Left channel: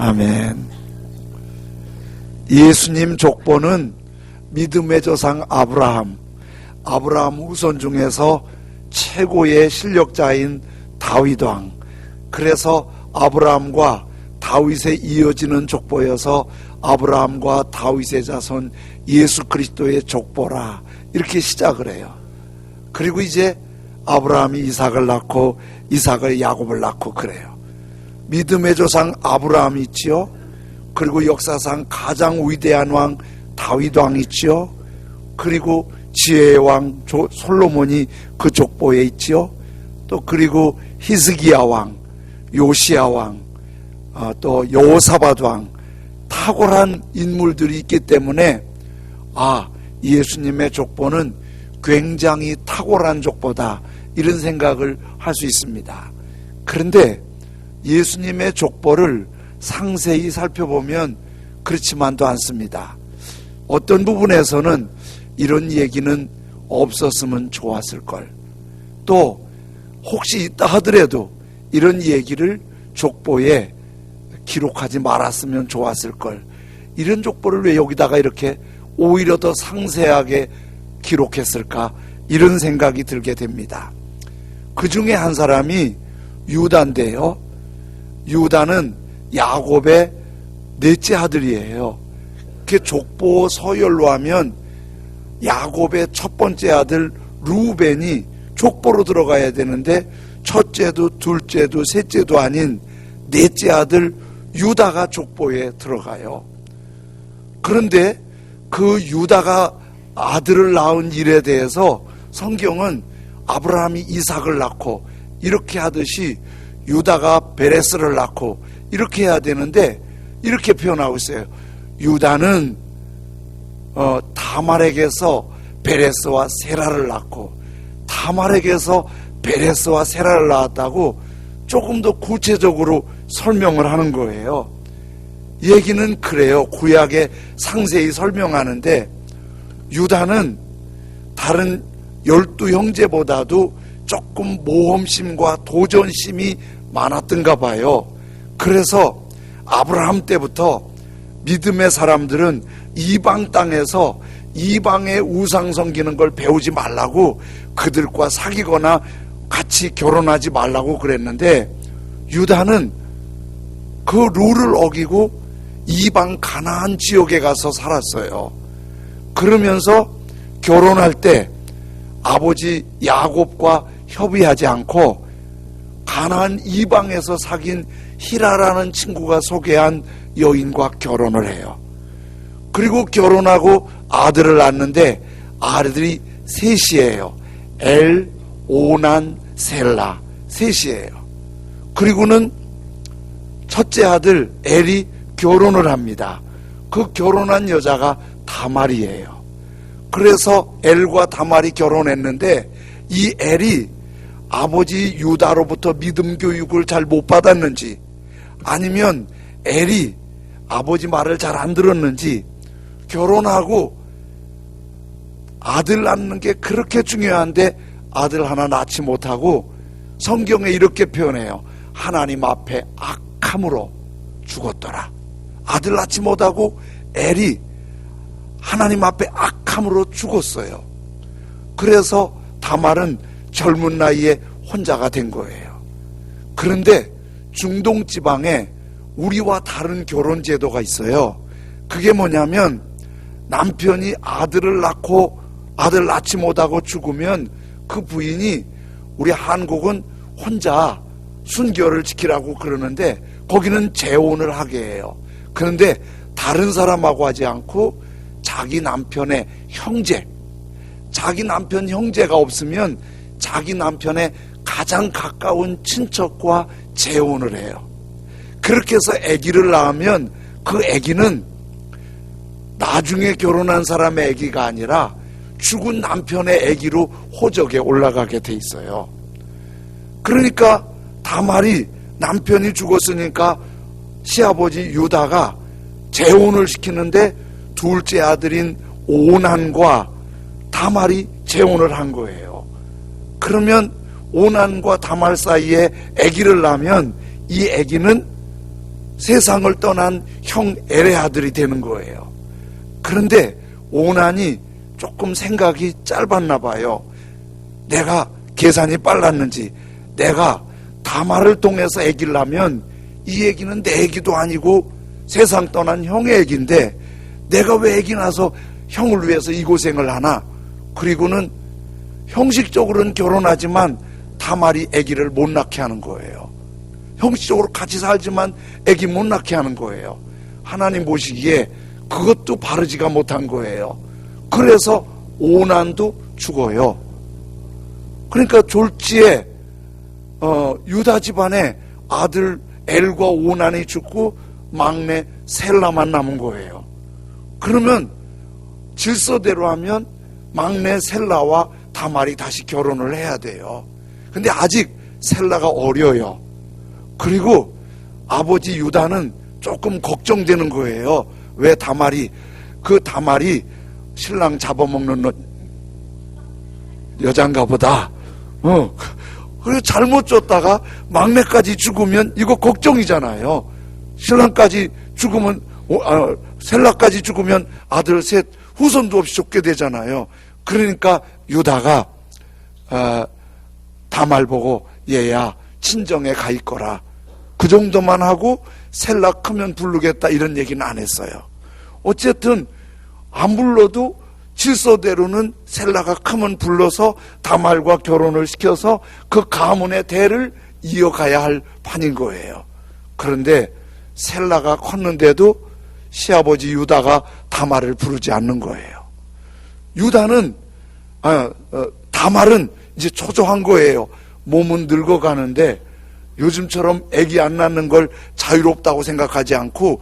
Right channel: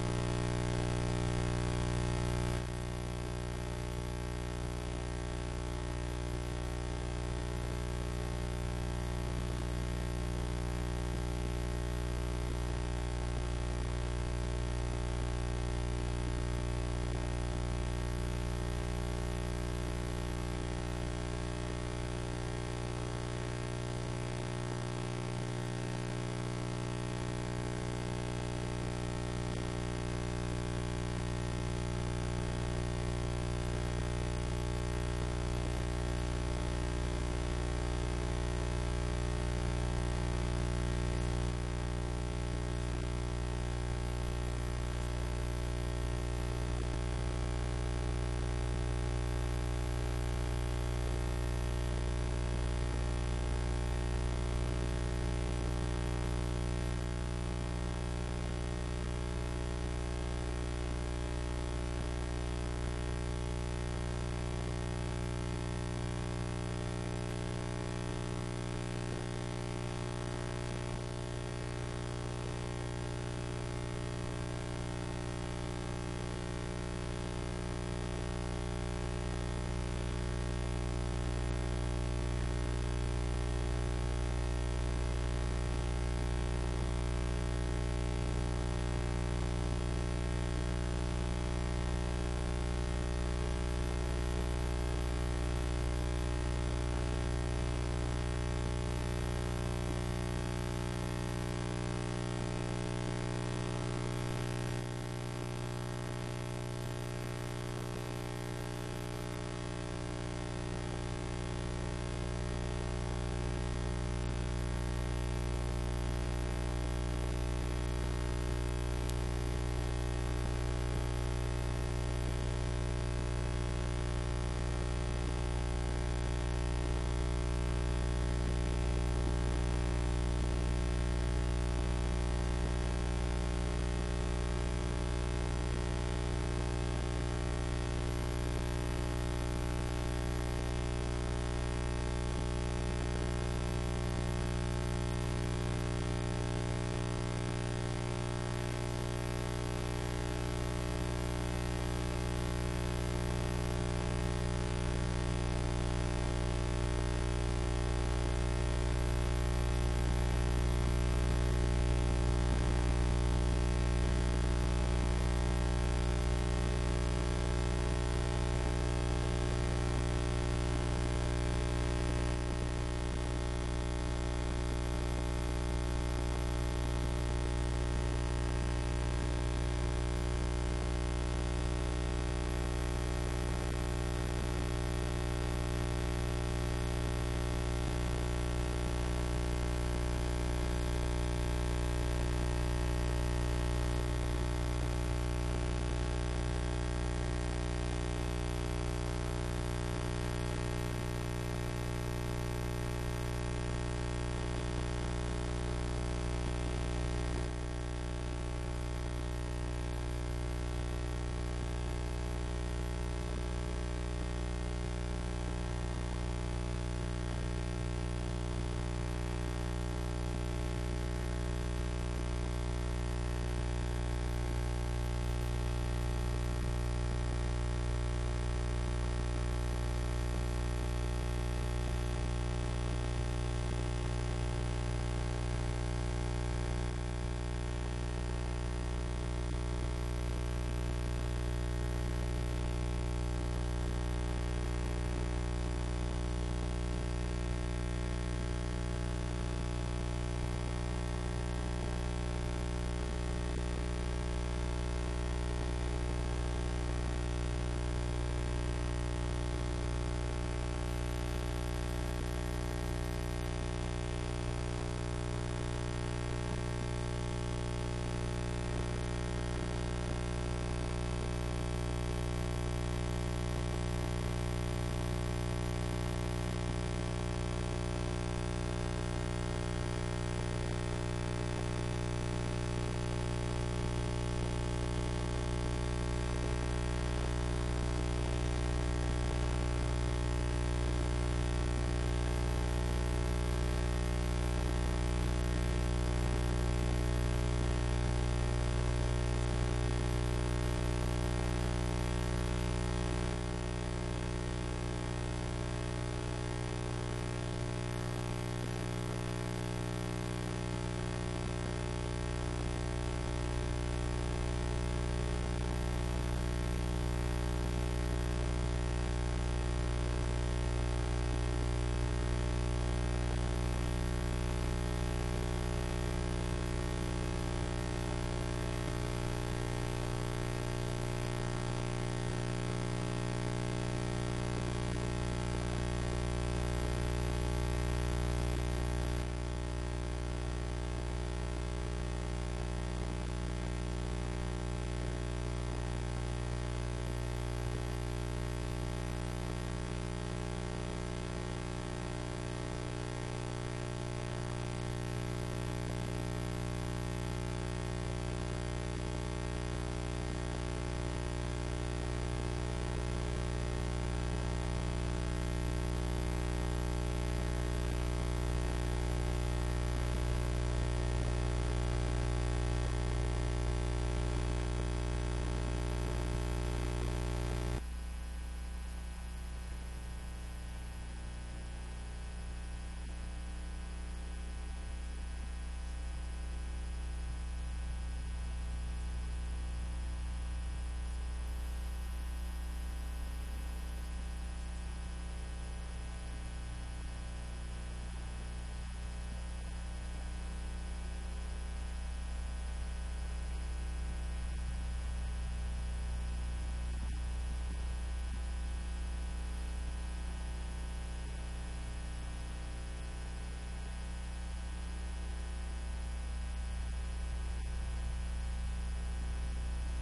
아멘. 예수님 족보는 믿음의 조상 아브라함 후손 중에서 최고의 실력자인 다윗 왕, 그래서 아브라함과 다윗에 이어지는 족보여서 아브라함과 다윗의 자손 예수 그리스도의 족보라, 이렇게 시작을 해요. 그리고 이제 아브라함이 이삭을 낳고 이삭을 야곱을 낳고 그래요. 믿음의 조상 아브라함이 있지요. 그리고 역사상 가장 위대한 왕 다윗 왕이 있지요. 그리고 지혜의 왕 솔로몬이 그 족보에 있지요. 또 그리고 히스기야 왕, 요시야 왕, 또 여호사밧 왕, 탁월한 인물들이 있기 때문에 예수님의 족보는 굉장히 탁월한 족보다, 이런 생각을 할 수 있습니다. 그런데 예수님의 족보를 상세히 살펴보면 그렇지만도 않습니다. 어떤 부분에서는 이런 얘기는 없었으면 좋았을걸, 또 혹시 있다 하더라도 이런 얘기를 족보에 기록하지 말았으면 좋았을걸, 이런 족보를 왜 여기다가 이렇게 오히려 더 상세하게 기록했을까, 이런 생각이 들게 됩니다. 그 중에 한 사람이 유다인데요, 유다는 야곱의 넷째 아들이에요. 그 족보 서열로 하면 야곱의 첫 번째 아들 루벤이 족보로 들어가야 되는데 첫째도 둘째도 셋째도 아닌 넷째 아들 유다가 족보에 들어가요. 그런데 그 유다가 아들을 낳은 일에 대해서 성경은 아브라함이 이삭을 낳고 이렇게 하듯이 유다가 베레스를 낳고 이렇게 해야 되는데 이렇게 표현하고 있어요. 유다는 다말에게서 베레스와 세라를 낳고 다말에게서 베레스와 세라를 낳았다고 조금 더 구체적으로 설명을 하는 거예요. 얘기는 그래요. 구약에 상세히 설명하는데 유다는 다른 12형제보다도 조금 모험심과 도전심이 많았던가 봐요. 그래서 아브라함 때부터 믿음의 사람들은 이방 땅에서 이방의 우상 섬기는 걸 배우지 말라고 그들과 사귀거나 같이 결혼하지 말라고 그랬는데 유다는 그 룰을 어기고 이방 가나안 지역에 가서 살았어요. 그러면서 결혼할 때 아버지 야곱과 협의하지 않고 가나안 이방에서 사귄 히라라는 친구가 소개한 여인과 결혼을 해요. 그리고 결혼하고 아들을 낳는데 아들이 셋이에요. 엘, 오난, 셀라, 셋이에요. 그리고는 첫째 아들 엘이 결혼을 합니다. 그 결혼한 여자가 다말이에요. 그래서 엘과 다말이 결혼했는데 이 엘이 아버지 유다로부터 믿음 교육을 잘 못 받았는지 아니면 엘이 아버지 말을 잘 안 들었는지 결혼하고 아들 낳는 게 그렇게 중요한데 아들 하나 낳지 못하고 성경에 이렇게 표현해요. 하나님 앞에 악함으로 죽었더라. 아들 낳지 못하고 엘이 하나님 앞에 악함으로 죽었어요. 그래서 다말은 젊은 나이에 혼자가 된 거예요. 그런데 중동 지방에 우리와 다른 결혼 제도가 있어요. 그게 뭐냐면 남편이 아들을 낳고 아들 낳지 못하고 죽으면 그 부인이, 우리 한국은 혼자 순결을 지키라고 그러는데 거기는 재혼을 하게 해요. 그런데 다른 사람하고 하지 않고 자기 남편의 형제, 자기 남편 형제가 없으면 자기 남편의 가장 가까운 친척과 재혼을 해요. 그렇게 해서 아기를 낳으면 그 아기는 나중에 결혼한 사람의 아기가 아니라 죽은 남편의 아기로 호적에 올라가게 돼 있어요. 그러니까 다말이 남편이 죽었으니까 시아버지 유다가 재혼을 시키는데 둘째 아들인 오난과 다말이 재혼을 한 거예요. 그러면 오난과 다말 사이에 아기를 낳으면 이 아기는 세상을 떠난 형 엘의 아들이 되는 거예요. 그런데 오난이 조금 생각이 짧았나 봐요. 내가 계산이 빨랐는지 내가 다말을 통해서 아기를 낳으면 이 아기는 내 아기도 아니고 세상 떠난 형의 아기인데 내가 왜 아기 낳아서 형을 위해서 이 고생을 하나. 그리고는 형식적으로는 결혼하지만 다말이 아기를 못 낳게 하는 거예요. 형식적으로 같이 살지만 아기 못 낳게 하는 거예요. 하나님 보시기에 그것도 바르지가 못한 거예요. 그래서 오난도 죽어요. 그러니까 졸지에 유다 집안에 아들 엘과 오난이 죽고 막내 셀라만 남은 거예요. 그러면 질서대로 하면 막내 셀라와 다말이 다시 결혼을 해야 돼요. 근데 아직 셀라가 어려요. 그리고 아버지 유다는 조금 걱정되는 거예요. 왜 다말이 신랑 잡아먹는 여잔가 보다. 그래서 잘못 줬다가 막내까지 죽으면 이거 걱정이잖아요. 신랑까지 죽으면 셀라까지 죽으면 아들 셋 후손도 없이 죽게 되잖아요. 그러니까 유다가 다말 보고 얘야 친정에 가 있거라. 그 정도만 하고 셀라 크면 부르겠다 이런 얘기는 안 했어요. 어쨌든 안 불러도 질서대로는 셀라가 크면 불러서 다말과 결혼을 시켜서 그 가문의 대를 이어가야 할 판인 거예요. 그런데 셀라가 컸는데도 시아버지 유다가 다말을 부르지 않는 거예요. 다말은 이제 초조한 거예요. 몸은 늙어가는데 요즘처럼 아기 안 낳는 걸 자유롭다고 생각하지 않고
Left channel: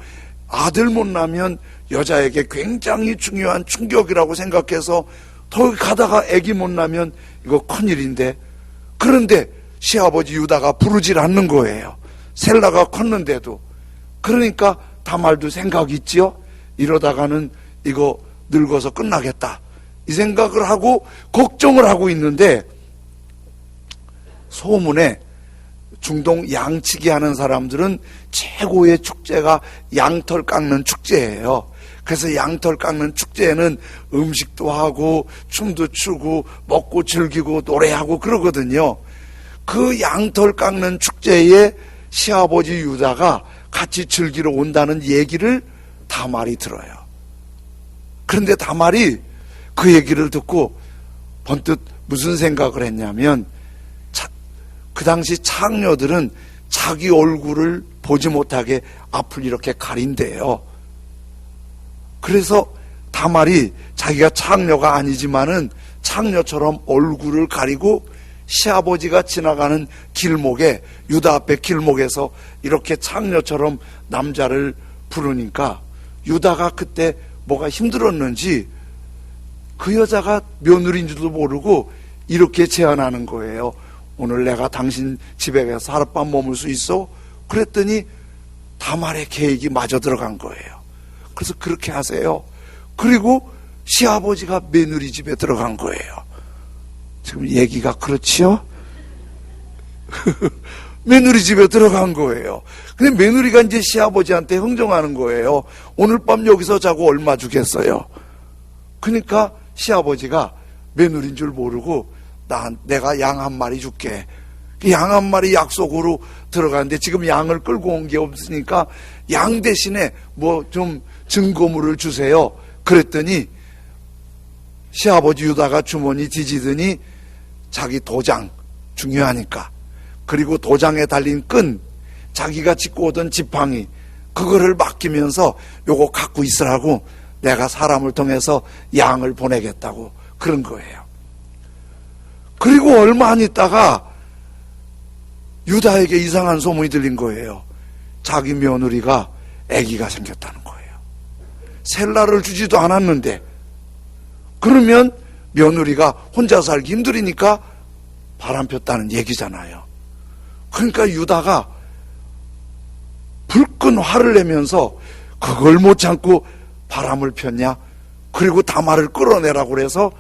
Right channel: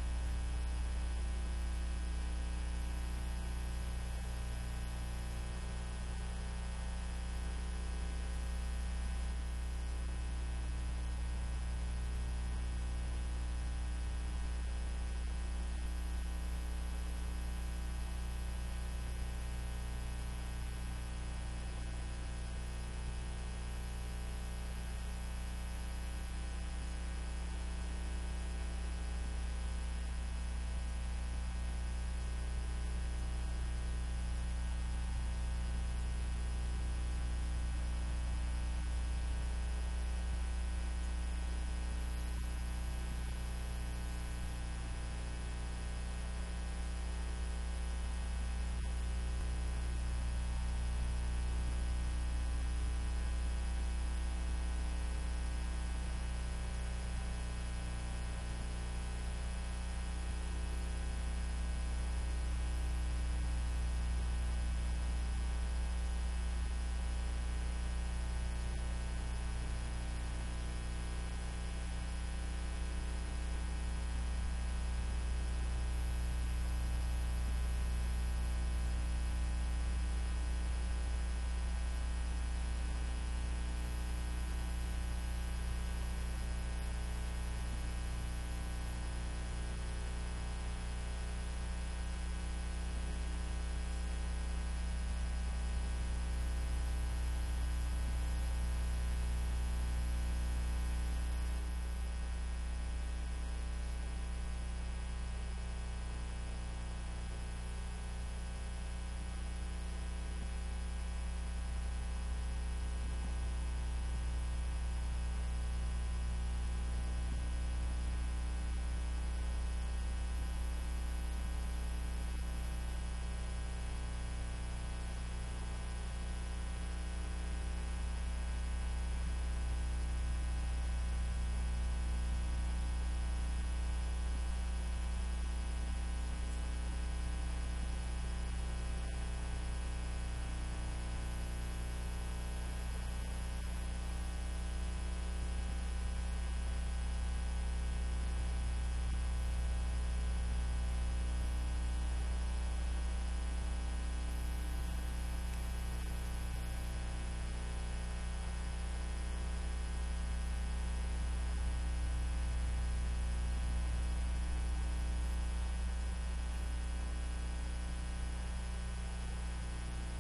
아들 못 낳으면 여자에게 굉장히 중요한 충격이라고 생각해서 더 가다가 아기 못 낳으면 이거 큰일인데, 그런데 시아버지 유다가 부르질 않는 거예요. 셀라가 컸는데도. 그러니까 다말도 생각 있지요. 이러다가는 이거 늙어서 끝나겠다 이 생각을 하고 걱정을 하고 있는데, 소문에 중동 양치기 하는 사람들은 최고의 축제가 양털 깎는 축제예요. 그래서 양털 깎는 축제에는 음식도 하고 춤도 추고 먹고 즐기고 노래하고 그러거든요. 그 양털 깎는 축제에 시아버지 유다가 같이 즐기러 온다는 얘기를 다말이 들어요. 그런데 다말이 그 얘기를 듣고 번뜩 무슨 생각을 했냐면, 그 당시 창녀들은 자기 얼굴을 보지 못하게 앞을 이렇게 가린대요. 그래서 다말이 자기가 창녀가 아니지만은 창녀처럼 얼굴을 가리고 시아버지가 지나가는 길목에, 유다 앞에 길목에서 이렇게 창녀처럼 남자를 부르니까 유다가 그때 뭐가 힘들었는지 그 여자가 며느리인 줄도 모르고 이렇게 제안하는 거예요. 오늘 내가 당신 집에 가서 하룻밤 머물 수 있어? 그랬더니 다말의 계획이 마저 들어간 거예요. 그래서 그렇게 하세요. 그리고 시아버지가 며느리 집에 들어간 거예요. 지금 얘기가 그렇지요? 며느리 집에 들어간 거예요. 근데 며느리가 이제 시아버지한테 흥정하는 거예요. 오늘 밤 여기서 자고 얼마 주겠어요? 그러니까 시아버지가 며느리인 줄 모르고 내가 양 한 마리 줄게. 양 한 마리 약속으로 들어가는데 지금 양을 끌고 온 게 없으니까 양 대신에 뭐 좀 증거물을 주세요. 그랬더니 시아버지 유다가 주머니 뒤지더니 자기 도장, 중요하니까, 그리고 도장에 달린 끈, 자기가 짚고 오던 지팡이, 그거를 맡기면서 요거 갖고 있으라고 내가 사람을 통해서 양을 보내겠다고 그런 거예요. 그리고 얼마 안 있다가 유다에게 이상한 소문이 들린 거예요. 자기 며느리가 아기가 생겼다는 거예요. 셀라를 주지도 않았는데. 그러면 며느리가 혼자 살기 힘들으니까 바람 폈다는 얘기잖아요. 그러니까 유다가 불끈 화를 내면서 그걸 못 참고 바람을 폈냐? 그리고 다말을 끌어내라고 그래서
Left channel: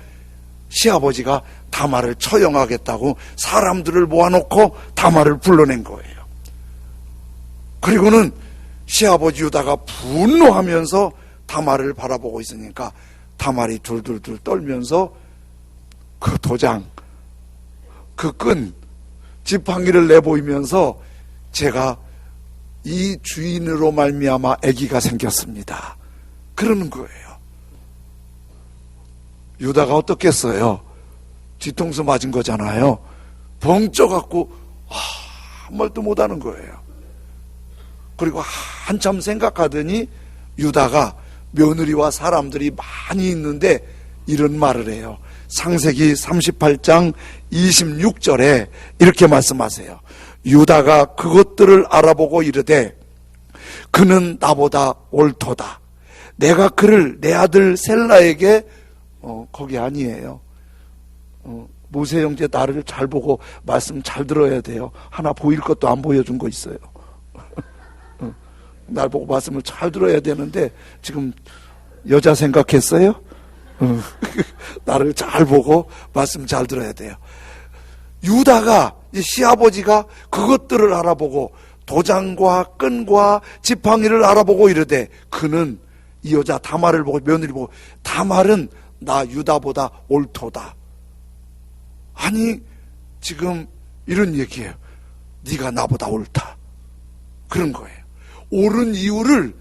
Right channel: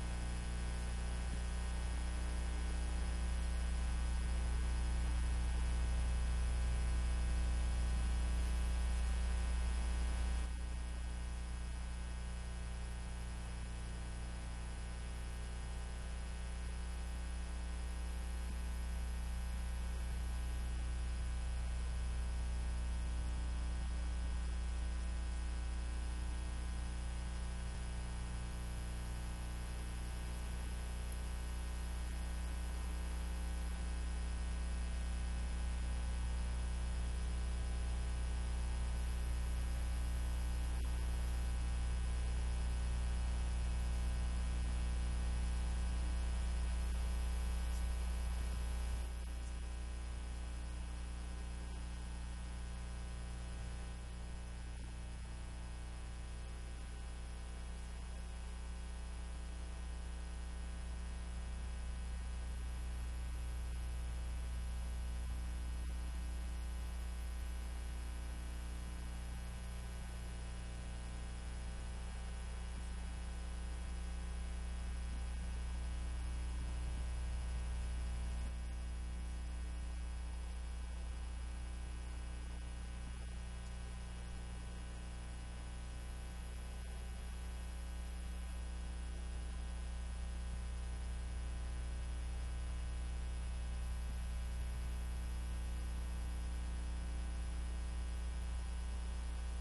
시아버지가 다말을 처형하겠다고 사람들을 모아놓고 다말을 불러낸 거예요. 그리고는 시아버지 유다가 분노하면서 다말을 바라보고 있으니까 다말이 둘둘둘 떨면서 그 도장, 그 끈, 지팡이를 내보이면서 제가 이 주인으로 말미암아 아기가 생겼습니다, 그러는 거예요. 유다가 어떻겠어요? 뒤통수 맞은 거잖아요. 벙쪄갖고 아무 말도 못하는 거예요. 그리고 한참 생각하더니 유다가 며느리와 사람들이 많이 있는데 이런 말을 해요. 창세기 38장 26절에 이렇게 말씀하세요. 유다가 그것들을 알아보고 이르되 그는 나보다 옳도다. 내가 그를 내 아들 셀라에게 거기 아니에요. 모세 형제 나를 잘 보고 말씀 잘 들어야 돼요. 하나 보일 것도 안 보여준 거 있어요. 날 보고 말씀을 잘 들어야 되는데 지금 여자 생각했어요? 나를 잘 보고 말씀 잘 들어야 돼요. 유다가 시아버지가 그것들을 알아보고 도장과 끈과 지팡이를 알아보고 이르되 그는 이 여자 다말을 보고 며느리 보고 다말은 나 유다보다 옳도다. 아니 지금 이런 얘기예요. 네가 나보다 옳다, 그런 거예요. 옳은 이유를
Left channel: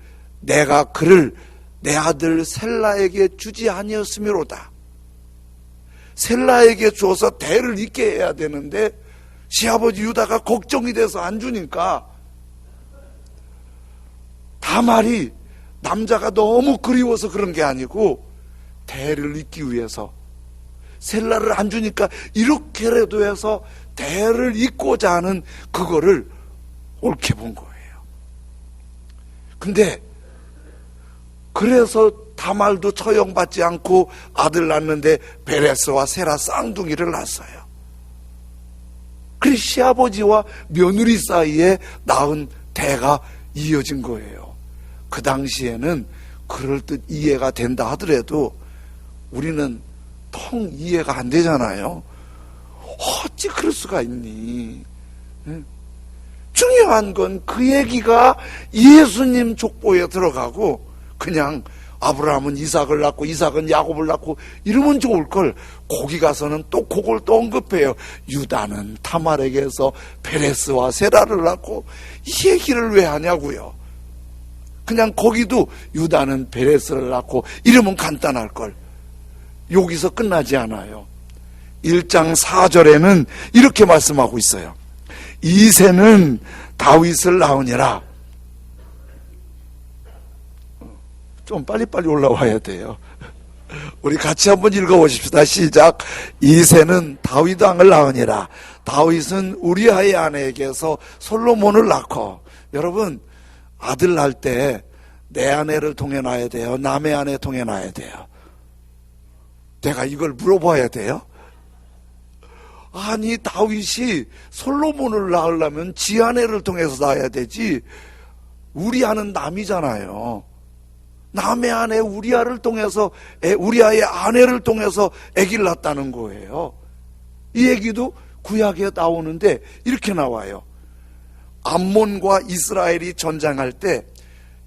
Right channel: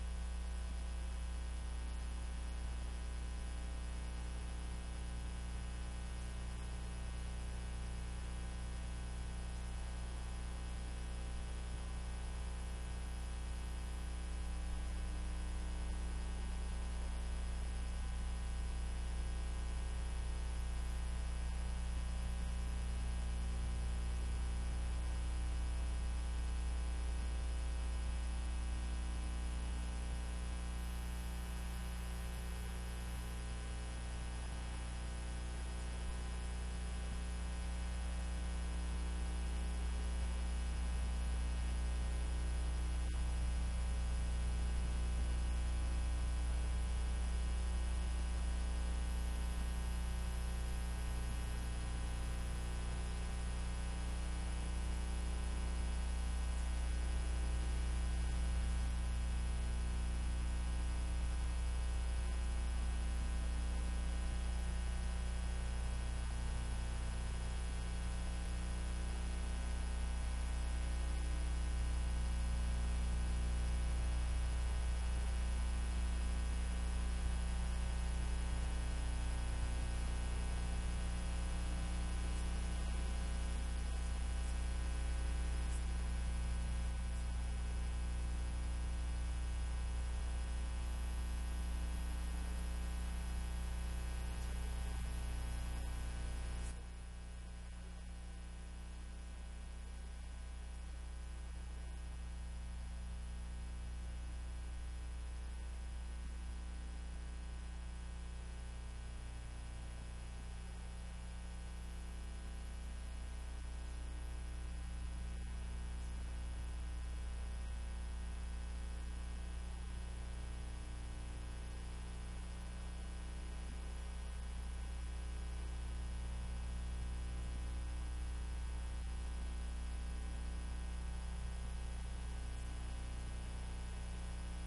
내가 그를 내 아들 셀라에게 주지 아니었음이로다. 셀라에게 줘서 대를 잇게 해야 되는데 시아버지 유다가 걱정이 돼서 안 주니까 다말이 남자가 너무 그리워서 그런 게 아니고 대를 잇기 위해서 셀라를 안 주니까 이렇게라도 해서 대를 잇고자 하는 그거를 옳게 본 거예요. 근데 그래서 다말도 처형받지 않고 아들 낳는데 베레스와 세라 쌍둥이를 낳았어요. 그래서 시아버지와 며느리 사이에 낳은 대가 이어진 거예요. 그 당시에는 그럴듯 이해가 된다 하더라도 우리는 통 이해가 안 되잖아요. 어찌 그럴 수가 있니? 중요한 건 그 얘기가 예수님 족보에 들어가고 그냥 아브라함은 이삭을 낳고 이삭은 야곱을 낳고 이러면 좋을 걸 거기 가서는 또 그걸 또 언급해요. 유다는 타말에게서 베레스와 세라를 낳고 이 얘기를 왜 하냐고요. 그냥 거기도 유다는 베레스를 낳고 이러면 간단할 걸. 여기서 끝나지 않아요. 1장 4절에는 이렇게 말씀하고 있어요. 이새는 다윗을 낳으니라. 좀 빨리빨리 올라와야 돼요. 우리 같이 한번 읽어보십시다. 시작. 이새는 다윗 왕을 낳으니라. 다윗은 우리아의 아내에게서 솔로몬을 낳고. 여러분, 아들 낳을 때 내 아내를 통해 낳아야 돼요, 남의 아내 통해 낳아야 돼요? 내가 이걸 물어봐야 돼요? 아니 다윗이 솔로몬을 낳으려면 지 아내를 통해서 낳아야 되지. 우리아는 남이잖아요. 남의 아내 우리아를 통해서 우리아의 아내를 통해서 아기를 낳았다는 거예요. 이 얘기도 구약에 나오는데 이렇게 나와요. 암몬과 이스라엘이 전쟁할 때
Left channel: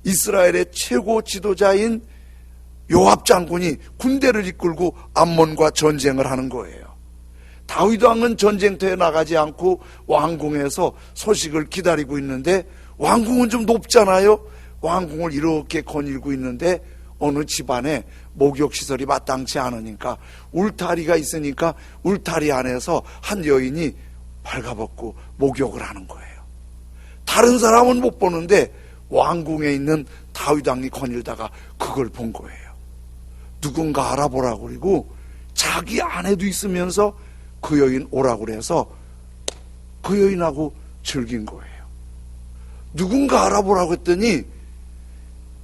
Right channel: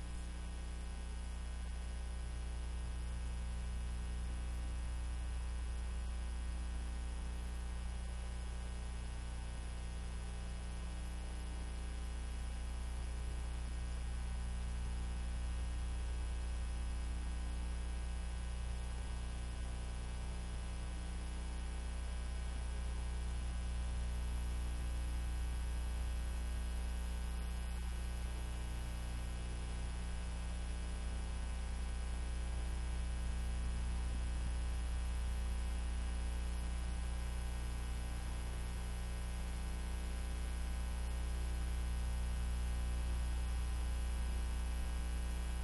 이스라엘의 최고 지도자인 요압 장군이 군대를 이끌고 암몬과 전쟁을 하는 거예요. 다윗 왕은 전쟁터에 나가지 않고 왕궁에서 소식을 기다리고 있는데 왕궁은 좀 높잖아요. 왕궁을 이렇게 거닐고 있는데 어느 집안에 목욕시설이 마땅치 않으니까 울타리가 있으니까 울타리 안에서 한 여인이 발가벗고 목욕을 하는 거예요. 다른 사람은 못 보는데 왕궁에 있는 다윗 왕이 거닐다가 그걸 본 거예요. 누군가 알아보라고 그리고 자기 아내도 있으면서 그 여인 오라고 그래서 그 여인하고 즐긴 거예요. 누군가 알아보라고 했더니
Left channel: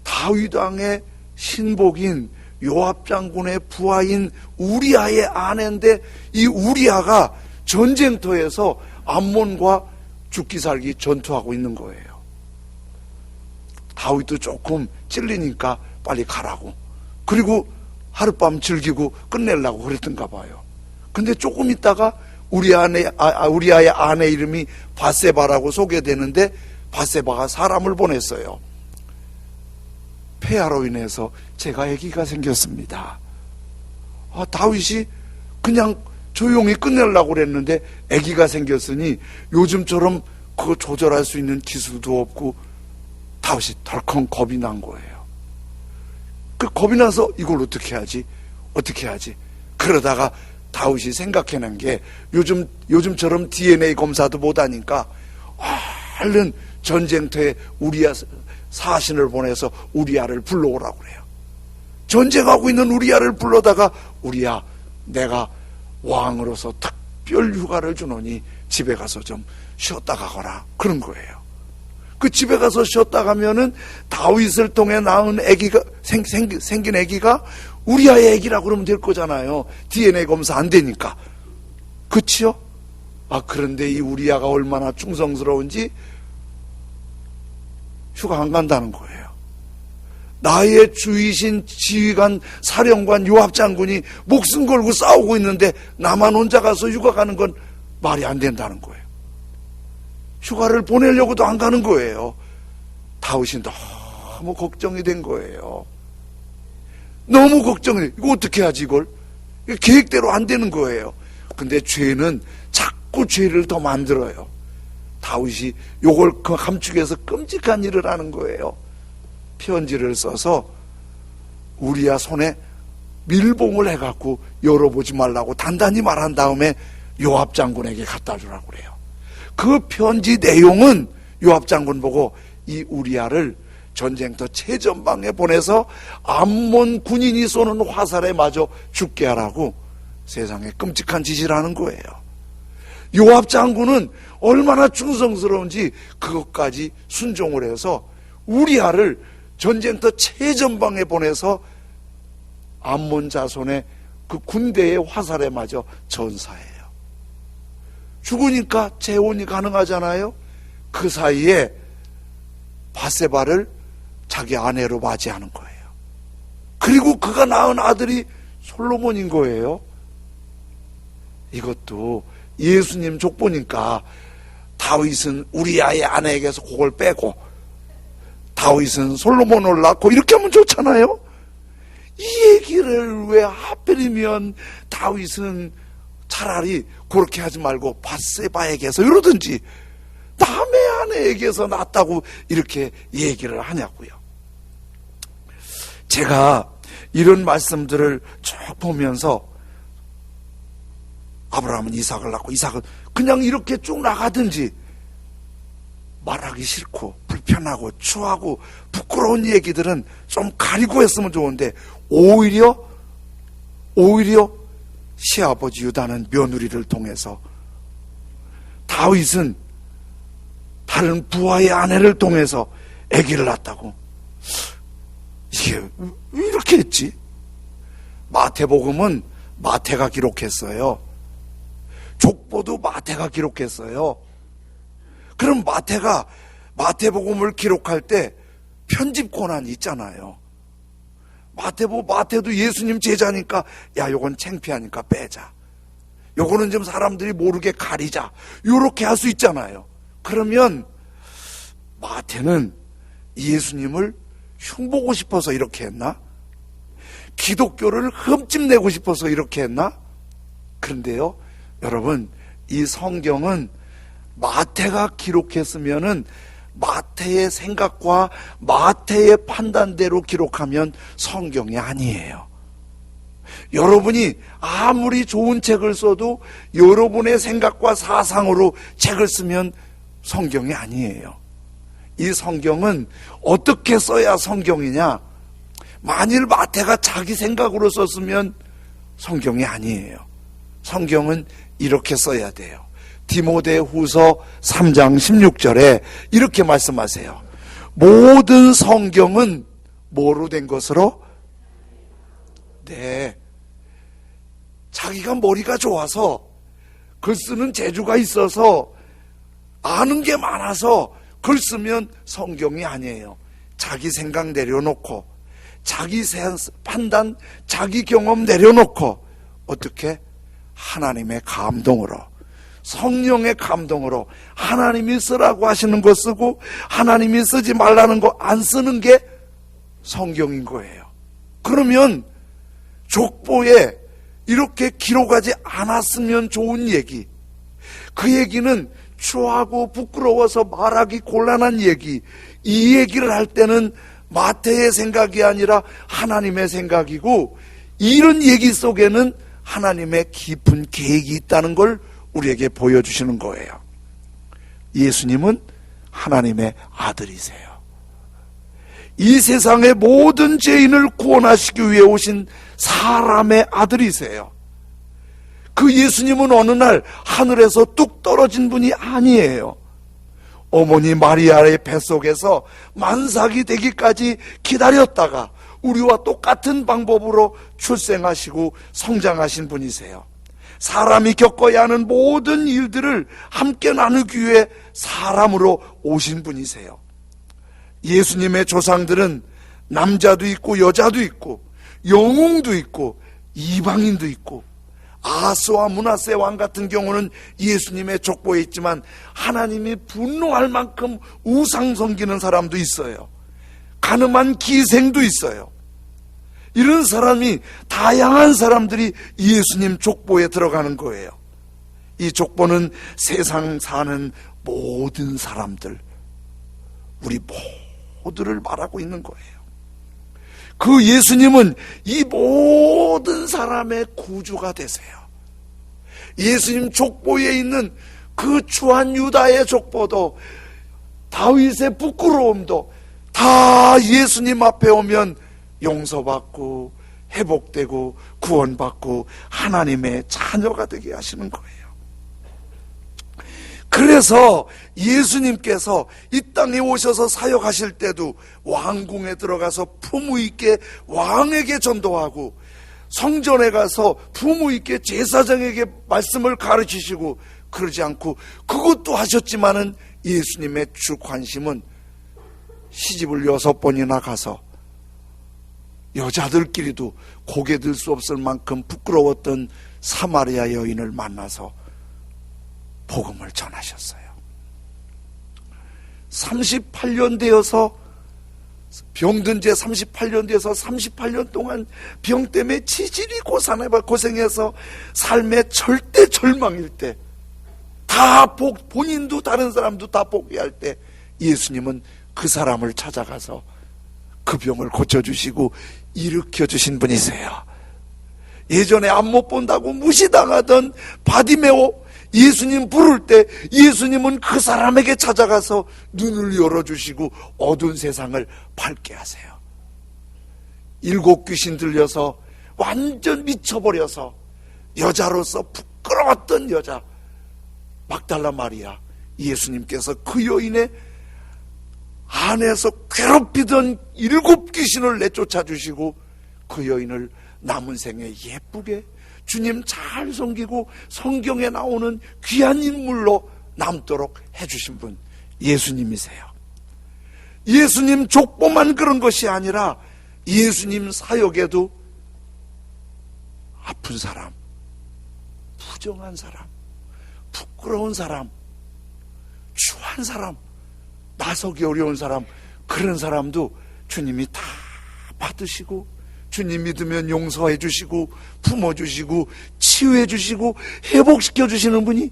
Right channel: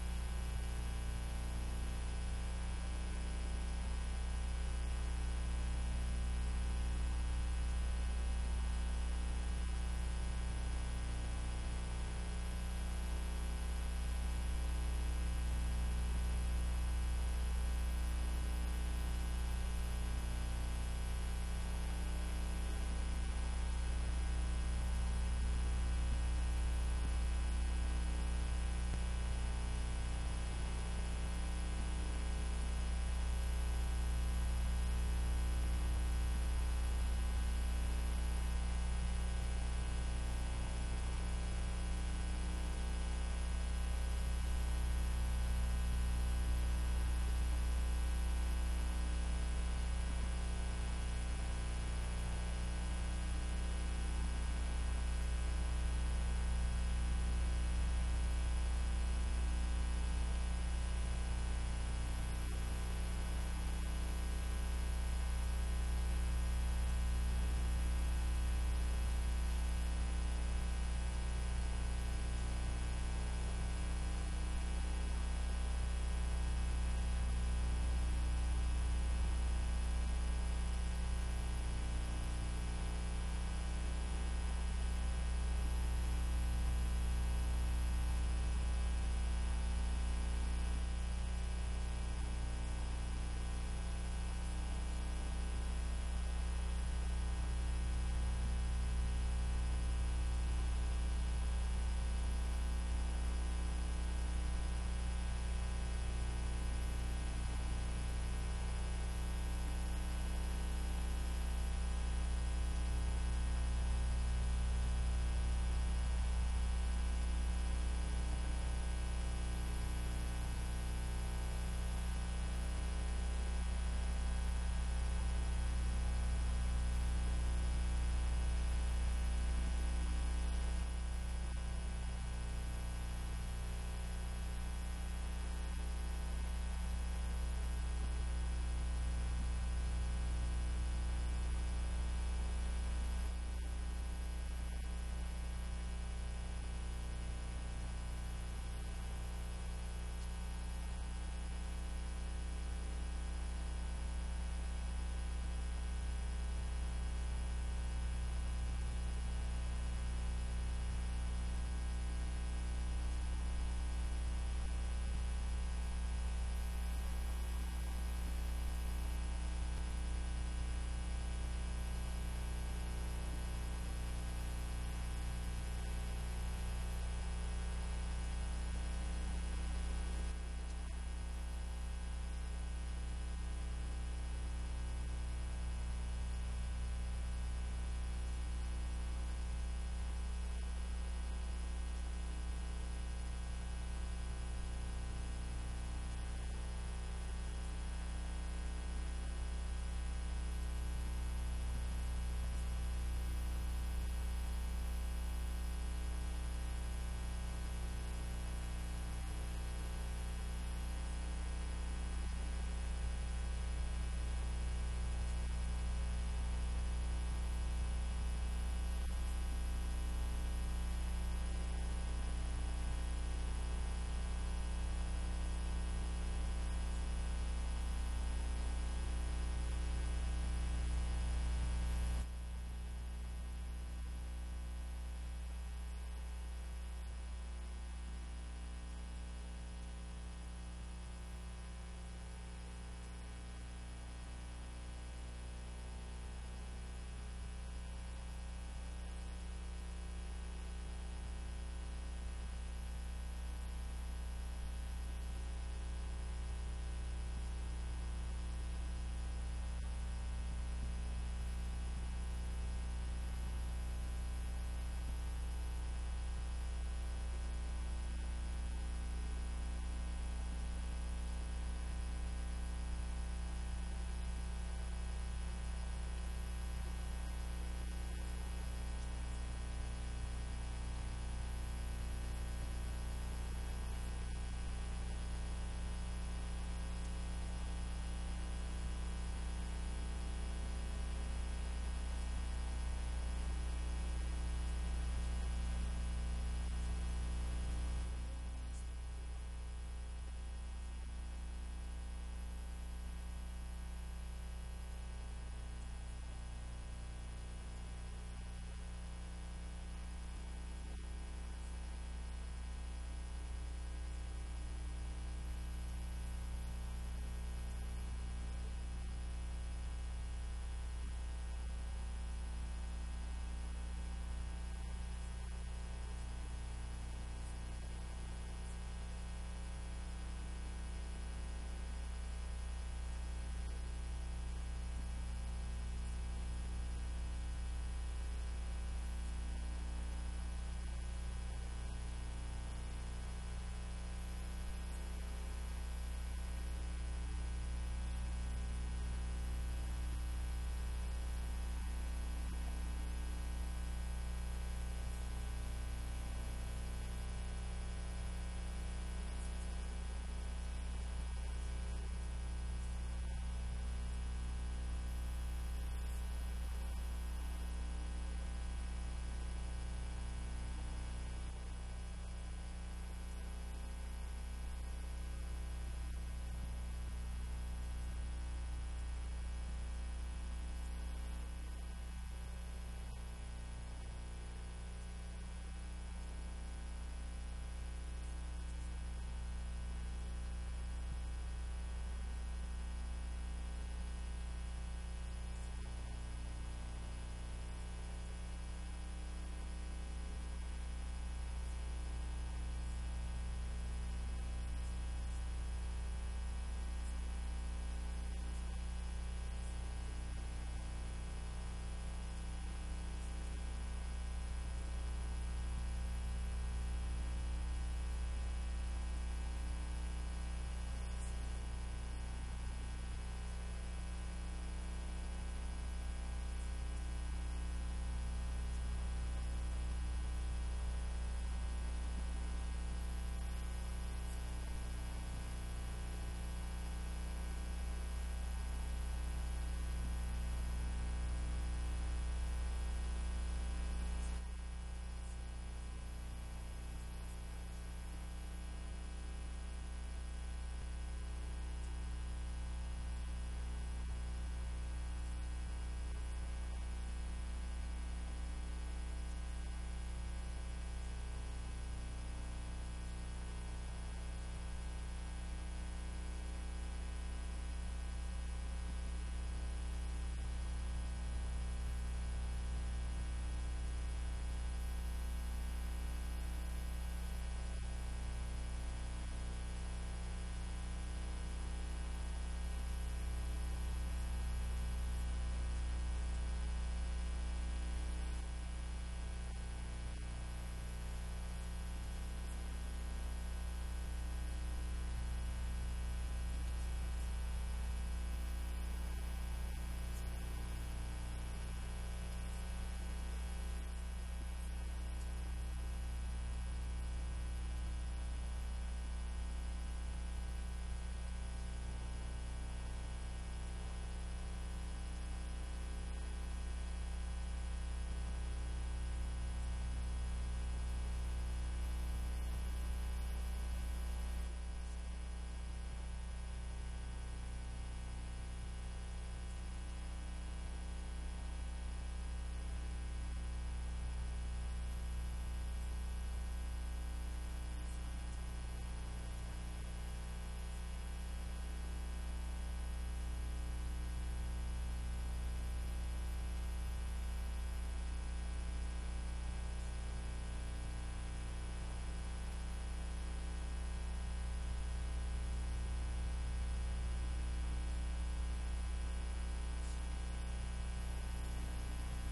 다윗 왕의 신복인 요압 장군의 부하인 우리아의 아내인데 이 우리아가 전쟁터에서 암몬과 죽기 살기 전투하고 있는 거예요. 다윗도 조금 찔리니까 빨리 가라고, 그리고 하룻밤 즐기고 끝내려고 그랬던가 봐요. 근데 조금 있다가 우리아의 아내 이름이 바세바라고 소개되는데 바세바가 사람을 보냈어요. 폐하로 인해서 제가 아기가 생겼습니다. 다윗이 그냥 조용히 끝내려고 그랬는데 아기가 생겼으니 요즘처럼 그거 조절할 수 있는 기술도 없고 다윗이 덜컹 겁이 난 거예요. 그 겁이 나서 이걸 어떻게 하지? 그러다가 다윗이 생각해낸 게 요즘처럼 DNA 검사도 못하니까 얼른 전쟁터에 우리야 사신을 보내서 우리야를 불러오라고 그래요. 전쟁하고 있는 우리야를 불러다가 우리야, 내가 왕으로서 특별 휴가를 주노니 집에 가서 좀 쉬었다 가거라, 그런 거예요. 그 집에 가서 쉬었다 가면은 다윗을 통해 낳은 아기가 생긴 아기가 우리아의 아기라고 그러면 될 거잖아요. DNA 검사 안 되니까. 그치요? 그런데 이 우리아가 얼마나 충성스러운지 휴가 안 간다는 거예요. 나의 주이신 지휘관 사령관 요압 장군이 목숨 걸고 싸우고 있는데 나만 혼자 가서 휴가 가는 건 말이 안 된다는 거예요. 휴가를 보내려고도 안 가는 거예요. 다윗이 너무 걱정이 된 거예요. 너무 걱정이. 이거 어떻게 하지 이걸? 계획대로 안 되는 거예요. 근데 죄는 자꾸 죄를 더 만들어요. 다윗이 요걸 감축해서 끔찍한 일을 하는 거예요. 편지를 써서 우리야 손에 밀봉을 해갖고 열어보지 말라고 단단히 말한 다음에 요압 장군에게 갖다 주라고 그래요. 그 편지 내용은 요압 장군 보고 이 우리야를 전쟁터 최전방에 보내서 암몬 군인이 쏘는 화살에 맞아 죽게 하라고 세상에 끔찍한 짓을 하는 거예요. 요압 장군은 얼마나 충성스러운지 그것까지 순종을 해서 우리야를 전쟁터 최전방에 보내서 암몬 자손의 그 군대의 화살에 맞아 전사해요. 죽으니까 재혼이 가능하잖아요. 그 사이에 바세바를 자기 아내로 맞이하는 거예요. 그리고 그가 낳은 아들이 솔로몬인 거예요. 이것도 예수님 족보니까 다윗은 우리아의 아내에게서 그걸 빼고 다윗은 솔로몬을 낳고 이렇게 하면 좋잖아요. 이 얘기를 왜 하필이면 다윗은 차라리 그렇게 하지 말고 바세바에게서 이러든지 남의 아내에게서 낳았다고 이렇게 얘기를 하냐고요. 제가 이런 말씀들을 쭉 보면서 아브라함은 이삭을 낳고 이삭은 그냥 이렇게 쭉 나가든지 말하기 싫고 불편하고 추하고 부끄러운 얘기들은 좀 가리고 했으면 좋은데 오히려 시아버지 유다는 며느리를 통해서 다윗은 다른 부하의 아내를 통해서 아기를 낳았다고. 이게 왜 이렇게 했지? 마태복음은 마태가 기록했어요. 족보도 마태가 기록했어요. 그럼 마태가 마태복음을 기록할 때 편집 권한이 있잖아요. 마태도 예수님 제자니까 야 요건 창피하니까 빼자, 요거는 좀 사람들이 모르게 가리자, 요렇게 할 수 있잖아요. 그러면 마태는 예수님을 흉보고 싶어서 이렇게 했나? 기독교를 흠집내고 싶어서 이렇게 했나? 그런데요 여러분, 이 성경은 마태가 기록했으면은 마태의 생각과 마태의 판단대로 기록하면 성경이 아니에요. 여러분이 아무리 좋은 책을 써도 여러분의 생각과 사상으로 책을 쓰면 성경이 아니에요. 이 성경은 어떻게 써야 성경이냐? 만일 마태가 자기 생각으로 썼으면 성경이 아니에요. 성경은 이렇게 써야 돼요. 디모데후서 3장 16절에 이렇게 말씀하세요. 모든 성경은 뭐로 된 것으로? 네, 자기가 머리가 좋아서 글 쓰는 재주가 있어서 아는 게 많아서 글 쓰면 성경이 아니에요. 자기 생각 내려놓고 자기 판단, 자기 경험 내려놓고 어떻게? 하나님의 감동으로, 성령의 감동으로 하나님이 쓰라고 하시는 거 쓰고 하나님이 쓰지 말라는 거 안 쓰는 게 성경인 거예요. 그러면 족보에 이렇게 기록하지 않았으면 좋은 얘기, 그 얘기는 추하고 부끄러워서 말하기 곤란한 얘기, 이 얘기를 할 때는 마태의 생각이 아니라 하나님의 생각이고, 이런 얘기 속에는 하나님의 깊은 계획이 있다는 걸 우리에게 보여주시는 거예요. 예수님은 하나님의 아들이세요. 이 세상의 모든 죄인을 구원하시기 위해 오신 사람의 아들이세요. 그 예수님은 어느 날 하늘에서 뚝 떨어진 분이 아니에요. 어머니 마리아의 뱃속에서 만삭이 되기까지 기다렸다가 우리와 똑같은 방법으로 출생하시고 성장하신 분이세요. 사람이 겪어야 하는 모든 일들을 함께 나누기 위해 사람으로 오신 분이세요. 예수님의 조상들은 남자도 있고 여자도 있고 영웅도 있고 이방인도 있고, 아스와 므낫세 왕 같은 경우는 예수님의 족보에 있지만 하나님이 분노할 만큼 우상 섬기는 사람도 있어요. 가늠한 기생도 있어요. 이런 사람이, 다양한 사람들이 예수님 족보에 들어가는 거예요. 이 족보는 세상 사는 모든 사람들, 우리 모두를 말하고 있는 거예요. 그 예수님은 이 모든 사람의 구주가 되세요. 예수님 족보에 있는 그 추한 유다의 족보도, 다윗의 부끄러움도 다 예수님 앞에 오면 용서받고 회복되고 구원받고 하나님의 자녀가 되게 하시는 거예요. 그래서 예수님께서 이 땅에 오셔서 사역하실 때도 왕궁에 들어가서 품위 있게 왕에게 전도하고, 성전에 가서 품위 있게 제사장에게 말씀을 가르치시고, 그러지 않고, 그것도 하셨지만은 예수님의 주 관심은 시집을 6번이나 가서 여자들끼리도 고개 들 수 없을 만큼 부끄러웠던 사마리아 여인을 만나서 복음을 전하셨어요. 38년 되어서, 병든 지 38년 되어서 38년 동안 병 때문에 지질이 고생해서 삶의 절대 절망일 때, 다 본인도 다른 사람도 다 포기할 때, 예수님은 그 사람을 찾아가서 그 병을 고쳐주시고 일으켜주신 분이세요. 예전에 안 못 본다고 무시당하던 바디메오, 예수님 부를 때 예수님은 그 사람에게 찾아가서 눈을 열어주시고 어두운 세상을 밝게 하세요. 7 귀신 들려서 완전 미쳐버려서 여자로서 부끄러웠던 여자 막달라 마리아, 예수님께서 그 여인의 안에서 괴롭히던 7 귀신을 내쫓아 주시고 그 여인을 남은 생에 예쁘게 주님 잘 섬기고 성경에 나오는 귀한 인물로 남도록 해주신 분, 예수님이세요. 예수님 족보만 그런 것이 아니라 예수님 사역에도 아픈 사람, 부정한 사람, 부끄러운 사람, 추한 사람, 나서기 어려운 사람, 그런 사람도 주님이 다 받으시고, 주님 믿으면 용서해 주시고 품어주시고 치유해 주시고 회복시켜 주시는 분이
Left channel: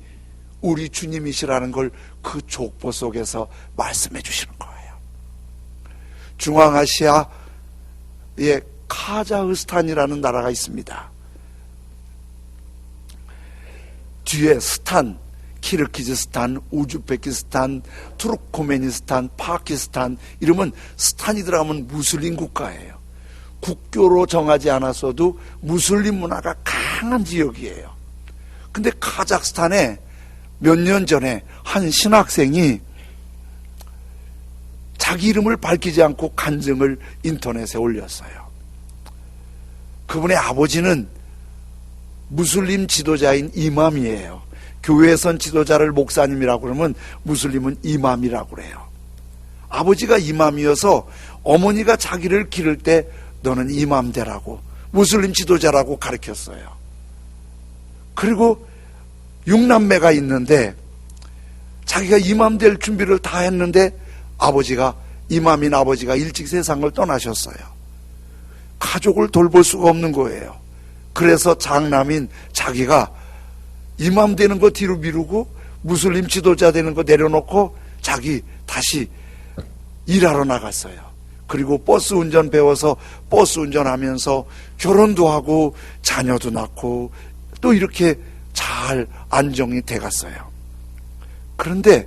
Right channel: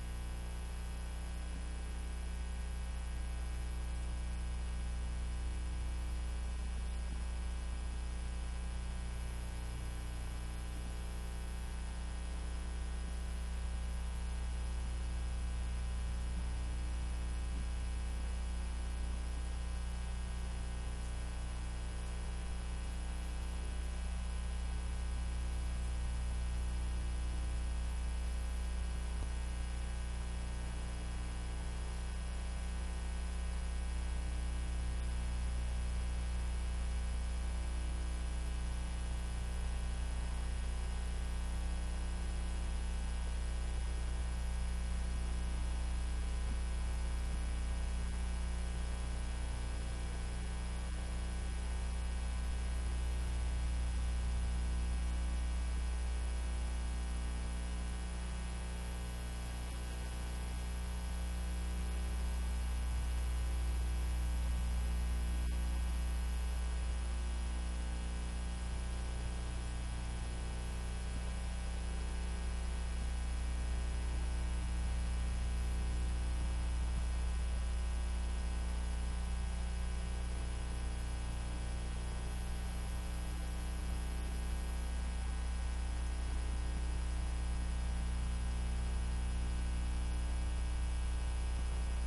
우리 주님이시라는 걸 그 족보 속에서 말씀해 주시는 거예요. 중앙아시아의 카자흐스탄이라는 나라가 있습니다. 뒤에 스탄, 키르기즈스탄, 우즈베키스탄, 투르코메니스탄, 파키스탄, 이러면 스탄이 들어가면 무슬림 국가예요. 국교로 정하지 않았어도 무슬림 문화가 강한 지역이에요. 근데 카자흐스탄에 몇 년 전에 한 신학생이 자기 이름을 밝히지 않고 간증을 인터넷에 올렸어요. 그분의 아버지는 무슬림 지도자인 이맘이에요. 교회선 지도자를 목사님이라고 그러면 무슬림은 이맘이라고 그래요. 아버지가 이맘이어서 어머니가 자기를 기를 때 너는 이맘 되라고, 무슬림 지도자라고 가르쳤어요. 그리고 6남매가 있는데 자기가 이맘 될 준비를 다 했는데 아버지가 이맘인 아버지가 일찍 세상을 떠나셨어요. 가족을 돌볼 수가 없는 거예요. 그래서 장남인 자기가 이맘 되는 거 뒤로 미루고 무슬림 지도자 되는 거 내려놓고 자기 다시 일하러 나갔어요. 그리고 버스 운전 배워서 버스 운전하면서 결혼도 하고 자녀도 낳고 또 이렇게 잘 안정이 돼갔어요. 그런데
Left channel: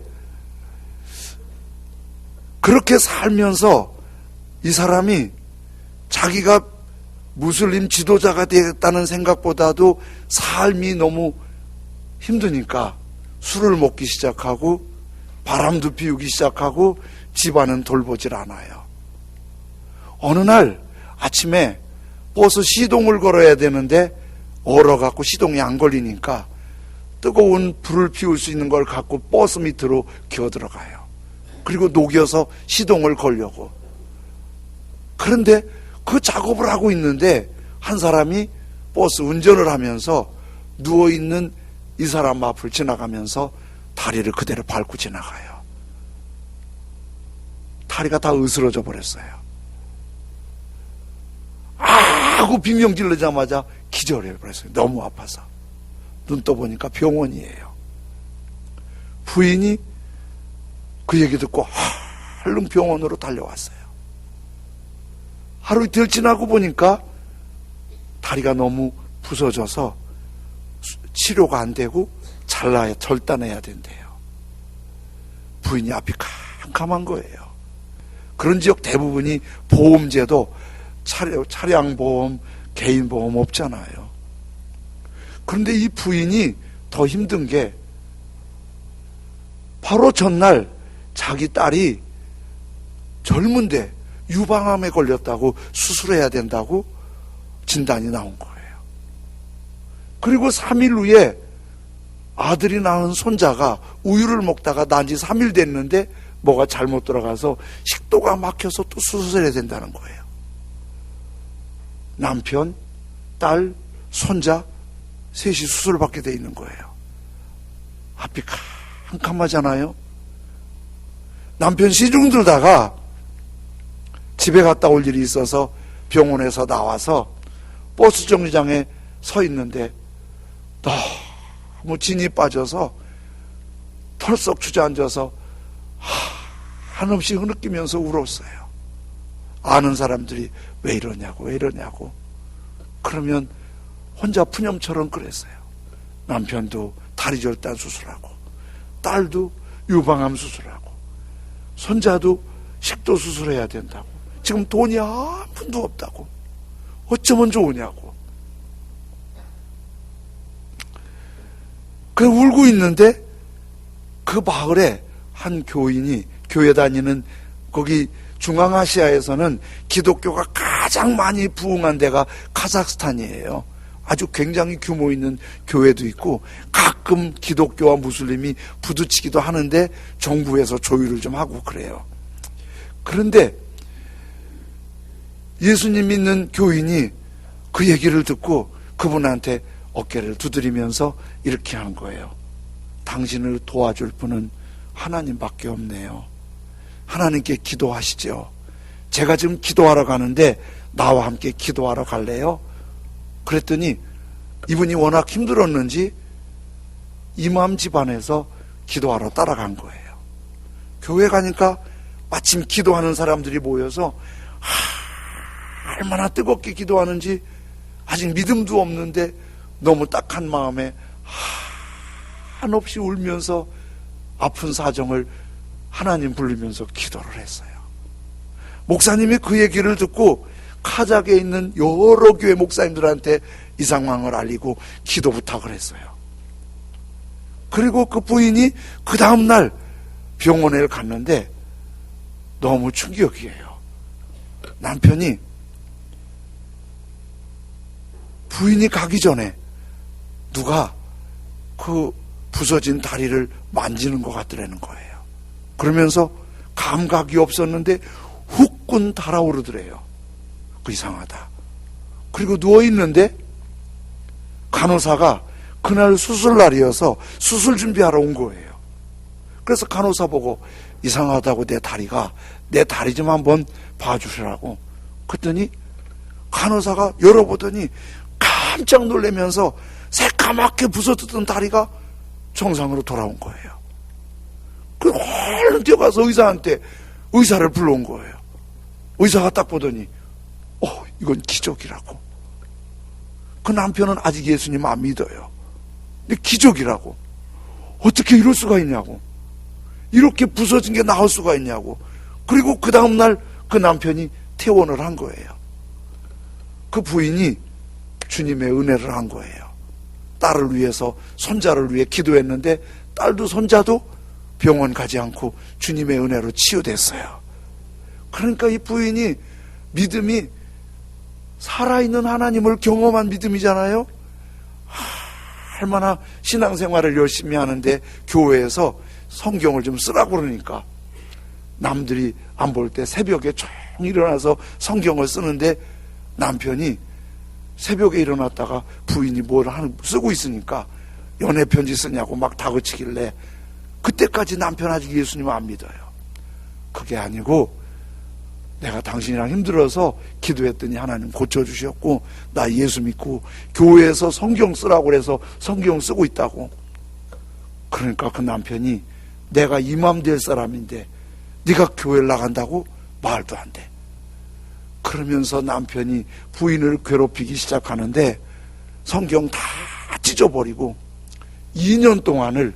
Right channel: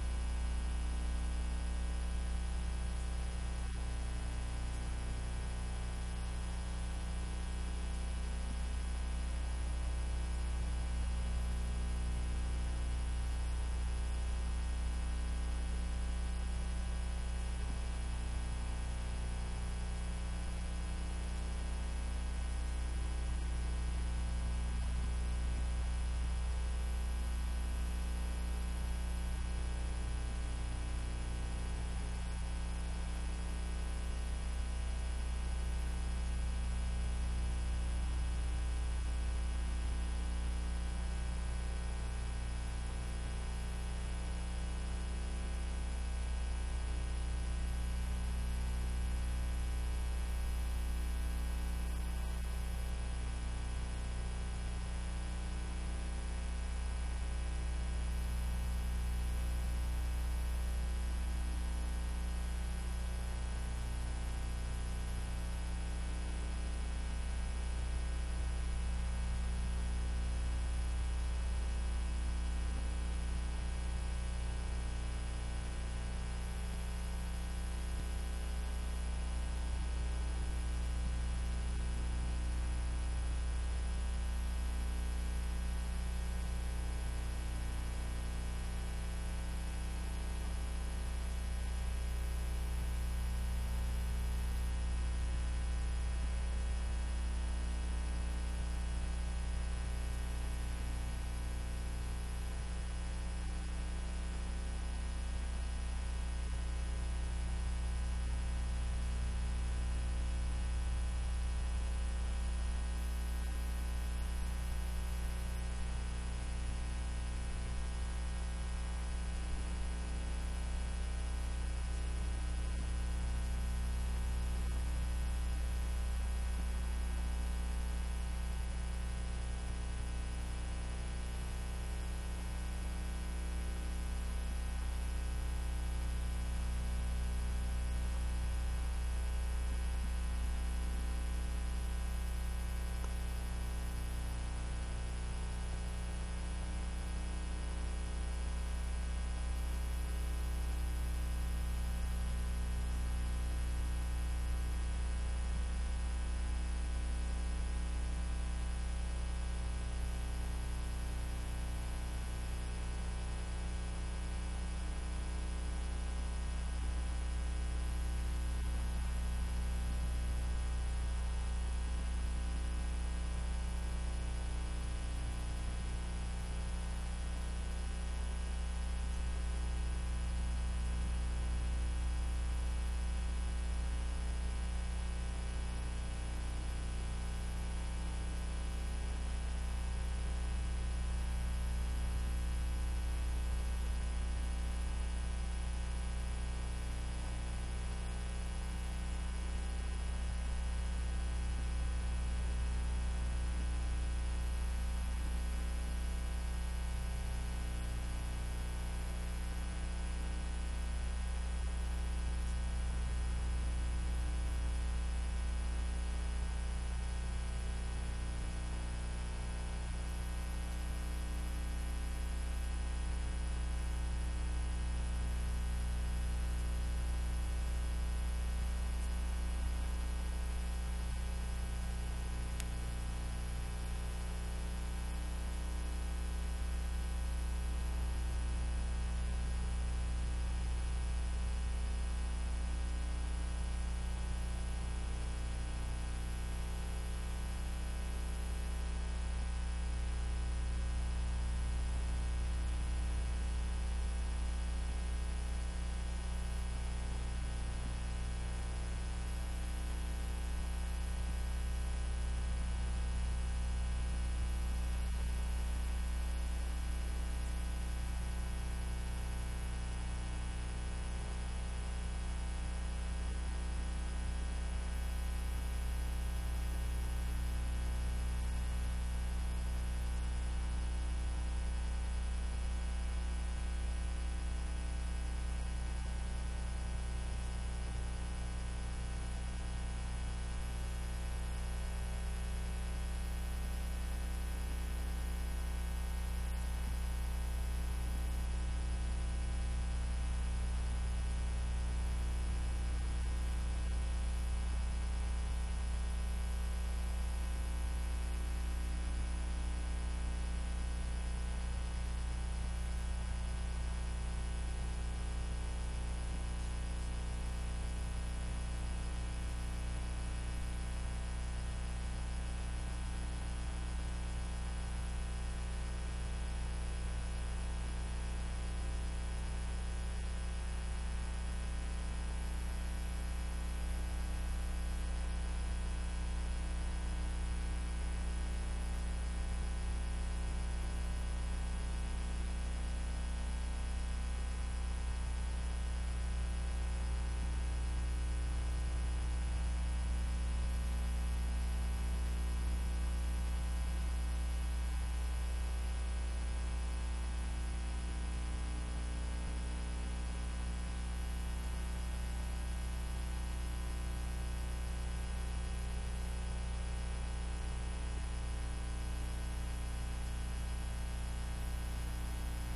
그렇게 살면서 이 사람이 자기가 무슬림 지도자가 되겠다는 생각보다도 삶이 너무 힘드니까 술을 먹기 시작하고 바람도 피우기 시작하고 집안은 돌보질 않아요. 어느 날 아침에 버스 시동을 걸어야 되는데 얼어갖고 시동이 안 걸리니까 뜨거운 불을 피울 수 있는 걸 갖고 버스 밑으로 기어들어가요. 그리고 녹여서 시동을 걸려고. 그런데 그 작업을 하고 있는데 한 사람이 버스 운전을 하면서 누워있는 이 사람 앞을 지나가면서 다리를 그대로 밟고 지나가요. 다리가 다 으스러져 버렸어요. 하고 비명 지르자마자 기절해 버렸어요. 너무 아파서. 눈 떠보니까 병원이에요. 부인이 그 얘기 듣고 얼른 병원으로 달려왔어요. 하루 이틀 지나고 보니까 다리가 너무 부서져서 치료가 안 되고 절단해야 된대요. 부인이 앞이 캄캄한 거예요. 그런 지역 대부분이 보험제도 차량보험, 개인보험 없잖아요. 그런데 이 부인이 더 힘든 게 바로 전날 자기 딸이 젊은데 유방암에 걸렸다고 수술해야 된다고 진단이 나온 거예요. 그리고 3일 후에 아들이 낳은 손자가 우유를 먹다가 난 지 3일 됐는데 뭐가 잘못 들어가서 식도가 막혀서 또 수술해야 된다는 거예요. 남편, 딸, 손자 셋이 수술받게 돼 있는 거예요. 앞이 캄캄하잖아요. 남편 시중 들다가 집에 갔다 올 일이 있어서 병원에서 나와서 버스 정류장에 서 있는데 너무 진이 빠져서 털썩 주저앉아서 한없이 흐느끼면서 울었어요. 아는 사람들이 왜 이러냐고. 그러면 혼자 푸념처럼 그랬어요. 남편도 다리 절단 수술하고, 딸도 유방암 수술하고, 손자도 식도 수술해야 된다고, 지금 돈이 한 푼도 없다고, 어쩌면 좋으냐고. 그래 울고 있는데 그 마을에 한 교인이, 교회 다니는 거기 중앙아시아에서는 기독교가 가장 많이 부흥한 데가 카자흐스탄이에요. 아주 굉장히 규모 있는 교회도 있고 가끔 기독교와 무슬림이 부딪히기도 하는데 정부에서 조율을 좀 하고 그래요. 그런데 예수님 믿는 교인이 그 얘기를 듣고 그분한테 어깨를 두드리면서 이렇게 하는 거예요. 당신을 도와줄 분은 하나님밖에 없네요. 하나님께 기도하시죠. 제가 지금 기도하러 가는데 나와 함께 기도하러 갈래요? 그랬더니 이분이 워낙 힘들었는지 이맘 집안에서 기도하러 따라간 거예요. 교회 가니까 마침 기도하는 사람들이 모여서 얼마나 뜨겁게 기도하는지 아직 믿음도 없는데 너무 딱한 마음에 한없이 울면서 아픈 사정을 하나님 부르면서 기도를 했어요. 목사님이 그 얘기를 듣고 카자흐에 있는 여러 교회 목사님들한테 이 상황을 알리고 기도 부탁을 했어요. 그리고 그 부인이 그 다음날 병원에 갔는데 너무 충격이에요. 남편이 부인이 가기 전에 누가 그 부서진 다리를 만지는 것 같더라는 거예요. 그러면서 감각이 없었는데 후끈 달아오르더래요. 그 이상하다. 그리고 누워있는데 간호사가 그날 수술날이어서 수술 준비하러 온 거예요. 그래서 간호사 보고 이상하다고 내 다리가 내 다리 좀 한번 봐주시라고. 그랬더니 간호사가 열어보더니 깜짝 놀라면서 새까맣게 부서졌던 다리가 정상으로 돌아온 거예요. 그 얼른 뛰어가서 의사한테 의사를 불러온 거예요. 의사가 딱 보더니 이건 기적이라고. 그 남편은 아직 예수님 안 믿어요. 근데 기적이라고. 어떻게 이럴 수가 있냐고. 이렇게 부서진 게 나올 수가 있냐고. 그리고 그 다음날 그 남편이 퇴원을 한 거예요. 그 부인이 주님의 은혜를 한 거예요. 딸을 위해서, 손자를 위해 기도했는데 딸도 손자도 병원 가지 않고 주님의 은혜로 치유됐어요. 그러니까 이 부인이 믿음이 살아있는 하나님을 경험한 믿음이잖아요. 얼마나 신앙생활을 열심히 하는데 교회에서 성경을 좀 쓰라고 그러니까 남들이 안 볼 때 새벽에 쭉 일어나서 성경을 쓰는데 남편이 새벽에 일어났다가 부인이 뭘 쓰고 있으니까 연애 편지 쓰냐고 막 다그치길래 그때까지 남편 아직 예수님 안 믿어요. 그게 아니고 내가 당신이랑 힘들어서 기도했더니 하나님 고쳐주셨고 나 예수 믿고 교회에서 성경 쓰라고 그래서 성경 쓰고 있다고. 그러니까 그 남편이 내가 이맘 될 사람인데 네가 교회를 나간다고? 말도 안 돼. 그러면서 남편이 부인을 괴롭히기 시작하는데 성경 다 찢어버리고 2년 동안을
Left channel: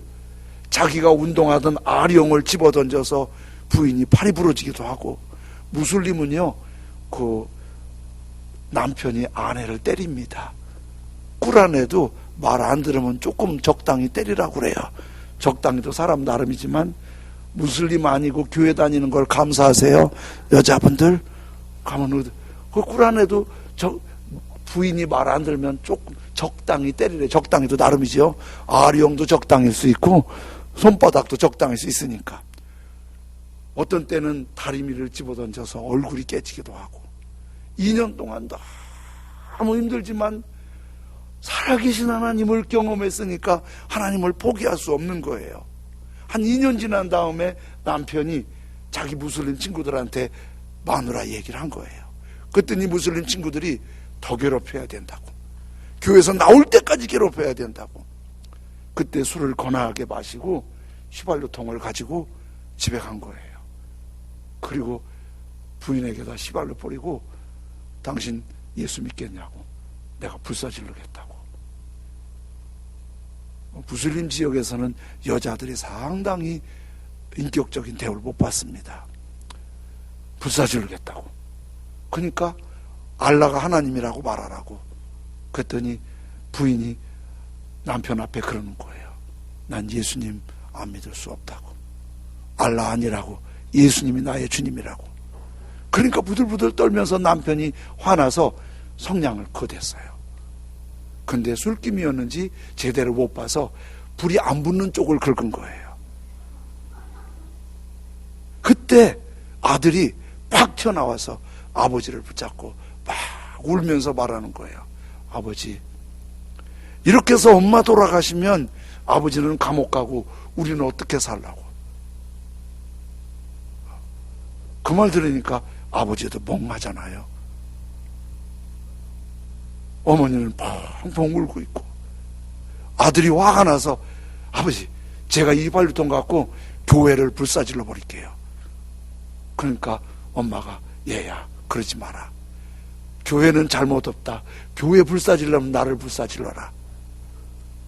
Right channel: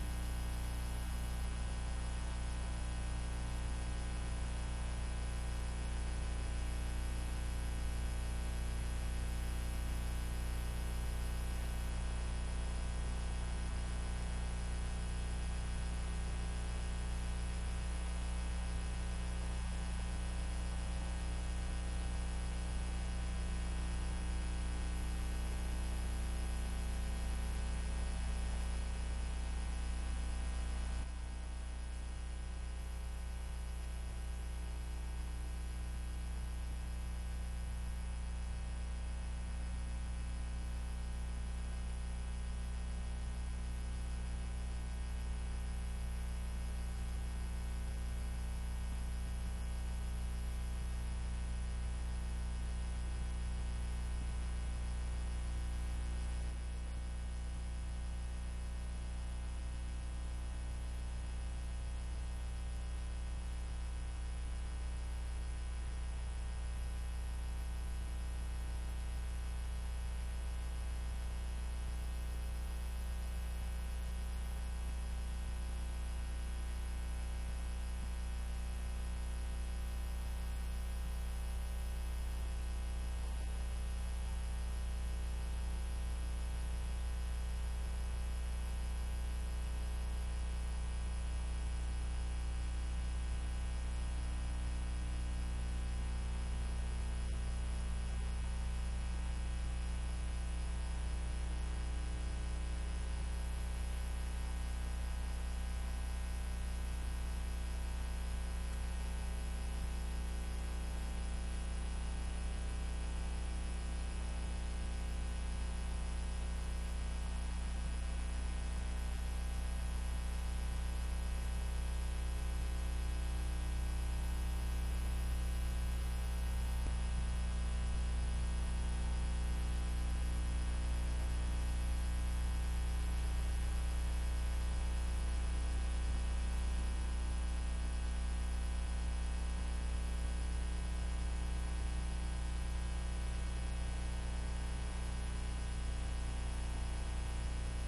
자기가 운동하던 아령을 집어던져서 부인이 팔이 부러지기도 하고, 무슬림은요 그 남편이 아내를 때립니다. 꿀안에도 말 안 들으면 조금 적당히 때리라고 그래요. 적당히도 사람 나름이지만 무슬림 아니고 교회 다니는 걸 감사하세요. 여자분들 가면 그 꿀안에도 부인이 말 안 들으면 조금 적당히 때리래. 적당히도 나름이죠. 아령도 적당일 수 있고 손바닥도 적당일 수 있으니까. 어떤 때는 다리미를 집어던져서 얼굴이 깨지기도 하고. 2년 동안 너무 힘들지만 살아계신 하나님을 경험했으니까 하나님을 포기할 수 없는 거예요. 한 2년 지난 다음에 남편이 자기 무슬림 친구들한테 마누라 얘기를 한 거예요. 그랬더니 무슬림 친구들이 더 괴롭혀야 된다고, 교회에서 나올 때까지 괴롭혀야 된다고. 그때 술을 거나하게 마시고 휘발유통을 가지고 집에 간 거예요. 그리고 부인에게다 휘발유 뿌리고 당신 예수 믿겠냐고, 내가 불사질러겠다고. 무슬림 지역에서는 여자들이 상당히 인격적인 대우를 못 받습니다. 불사질러겠다고. 그러니까 알라가 하나님이라고 말하라고. 그랬더니 부인이 남편 앞에 그러는 거예요. 난 예수님 안 믿을 수 없다고. 알라 아니라고. 예수님이 나의 주님이라고. 그러니까 부들부들 떨면서 남편이 화나서 성냥을 거댔어요. 근데 술김이었는지 제대로 못 봐서 불이 안 붙는 쪽을 긁은 거예요. 그때 아들이 팍 튀어나와서 아버지를 붙잡고 막 울면서 말하는 거예요. 아버지, 이렇게 해서 엄마 돌아가시면 아버지는 감옥 가고 우리는 어떻게 살라고. 그 말 들으니까 아버지도 멍하잖아요. 어머니는 펑펑 울고 있고, 아들이 화가 나서 아버지, 제가 이 휘발유통 갖고 교회를 불사질러 버릴게요. 그러니까 엄마가 얘야, 그러지 마라. 교회는 잘못 없다. 교회 불사질러면 나를 불사질러라.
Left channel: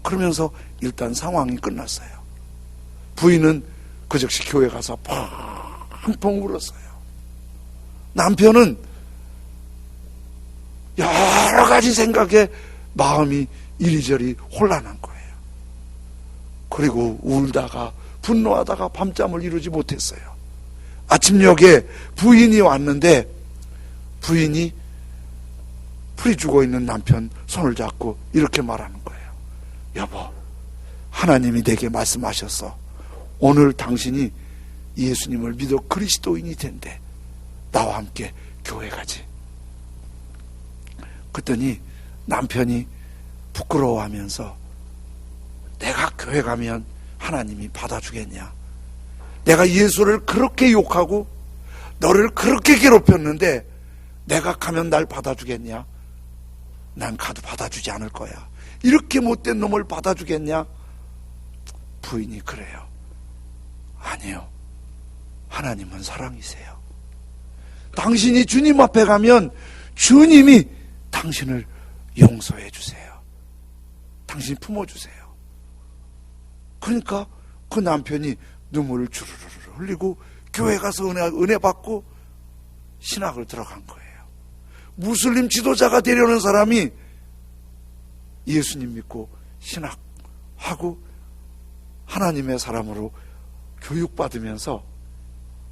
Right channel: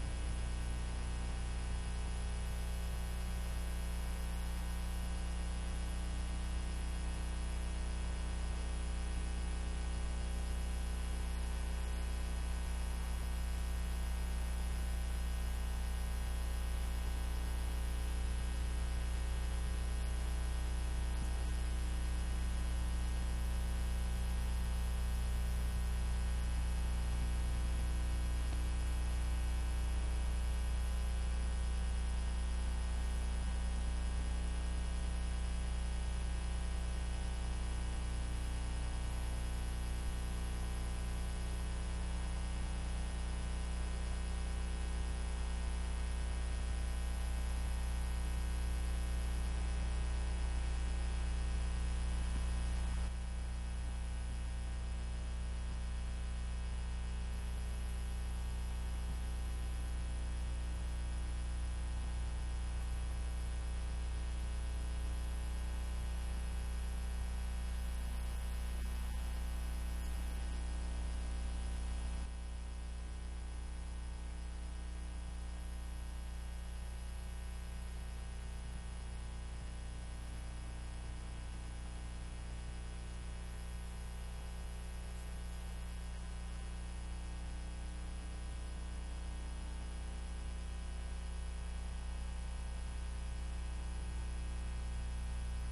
그러면서 일단 상황이 끝났어요. 부인은 그 즉시 교회 가서 펑펑 울었어요. 남편은 여러 가지 생각에 마음이 이리저리 혼란한 거예요. 그리고 울다가 분노하다가 밤잠을 이루지 못했어요. 아침녘에 부인이 왔는데 부인이 풀이 죽어있는 남편 손을 잡고 이렇게 말하는 거예요. 여보, 하나님이 내게 말씀하셨어. 오늘 당신이 예수님을 믿어 그리스도인이 된대. 나와 함께 교회 가지. 그랬더니 남편이 부끄러워하면서 내가 교회 가면 하나님이 받아주겠냐? 내가 예수를 그렇게 욕하고 너를 그렇게 괴롭혔는데 내가 가면 날 받아주겠냐? 난 가도 받아주지 않을 거야. 이렇게 못된 놈을 받아주겠냐? 부인이 그래요. 아니요, 하나님은 사랑이세요. 당신이 주님 앞에 가면 주님이 당신을 용서해 주세요. 당신이 품어주세요. 그러니까 그 남편이 눈물을 주르르 흘리고 교회 가서 은혜 받고 신학을 들어간 거예요. 무슬림 지도자가 되려는 사람이 예수님 믿고 신학하고 하나님의 사람으로 교육받으면서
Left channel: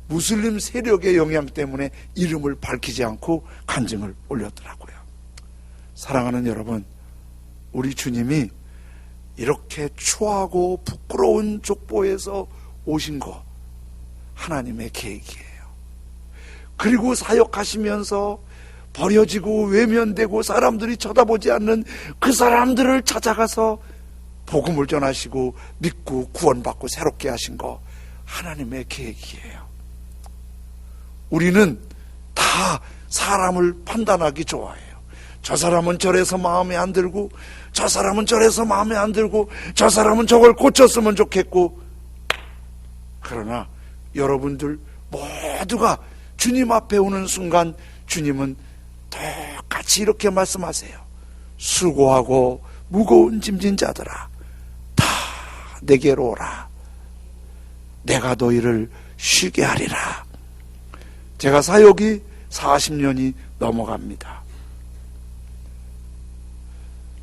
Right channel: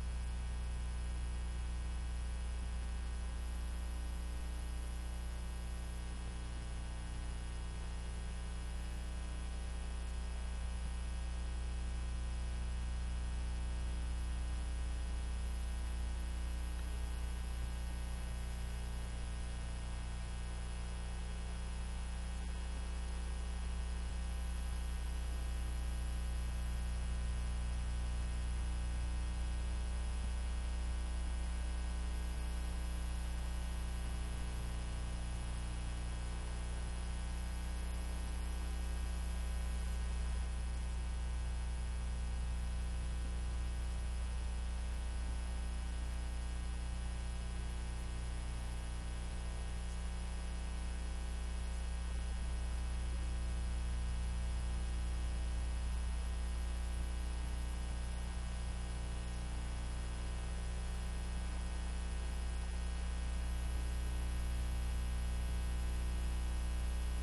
무슬림 세력의 영향 때문에 이름을 밝히지 않고 간증을 올렸더라고요. 사랑하는 여러분, 우리 주님이 이렇게 추하고 부끄러운 족보에서 오신 거 하나님의 계획이에요. 그리고 사역하시면서 버려지고 외면되고 사람들이 쳐다보지 않는 그 사람들을 찾아가서 복음을 전하시고 믿고 구원받고 새롭게 하신 거 하나님의 계획이에요. 우리는 다 사람을 판단하기 좋아해요. 저 사람은 저래서 마음에 안 들고, 저 사람은 저래서 마음에 안 들고, 저 사람은 저걸 고쳤으면 좋겠고. 그러나 여러분들 모두가 주님 앞에 오는 순간 주님은 똑같이 이렇게 말씀하세요. 수고하고 무거운 짐진 자들아, 다 내게로 오라. 내가 너희를 쉬게 하리라. 제가 사역이 40년이 넘어갑니다.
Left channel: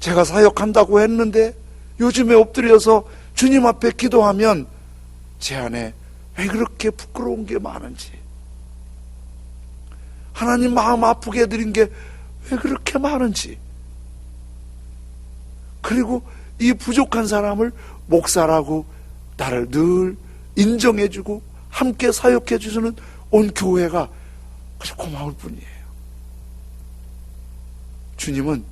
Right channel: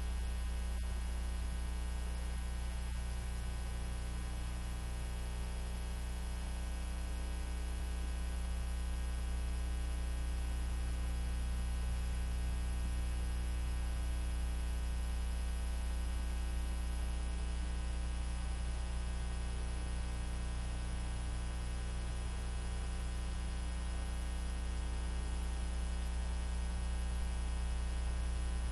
제가 사역한다고 했는데 요즘에 엎드려서 주님 앞에 기도하면 제 안에 왜 그렇게 부끄러운 게 많은지, 하나님 마음 아프게 해드린 게 왜 그렇게 많은지, 그리고 이 부족한 사람을 목사라고 나를 늘 인정해주고 함께 사역해주시는 온 교회가 아주 고마울 뿐이에요. 주님은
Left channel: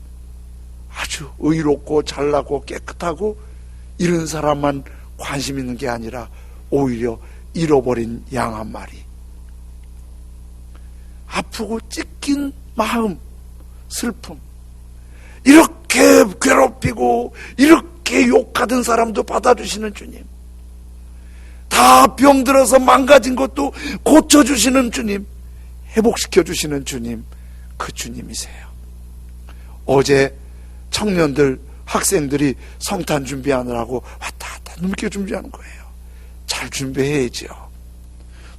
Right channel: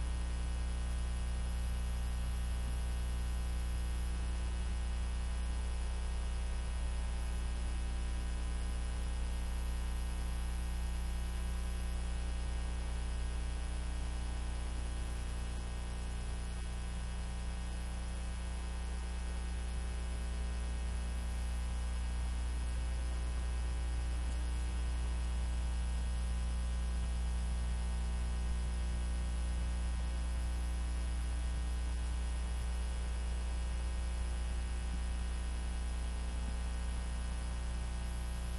아주 의롭고 잘나고 깨끗하고 이런 사람만 관심 있는 게 아니라 오히려 잃어버린 양 한 마리, 아프고 찢긴 마음, 슬픔, 이렇게 괴롭히고 이렇게 욕하던 사람도 받아주시는 주님, 다 병들어서 망가진 것도 고쳐주시는 주님, 회복시켜주시는 주님, 그 주님이세요. 어제 청년들, 학생들이 성탄 준비하느라고 왔다 갔다 눈게 준비하는 거예요. 잘 준비해야죠.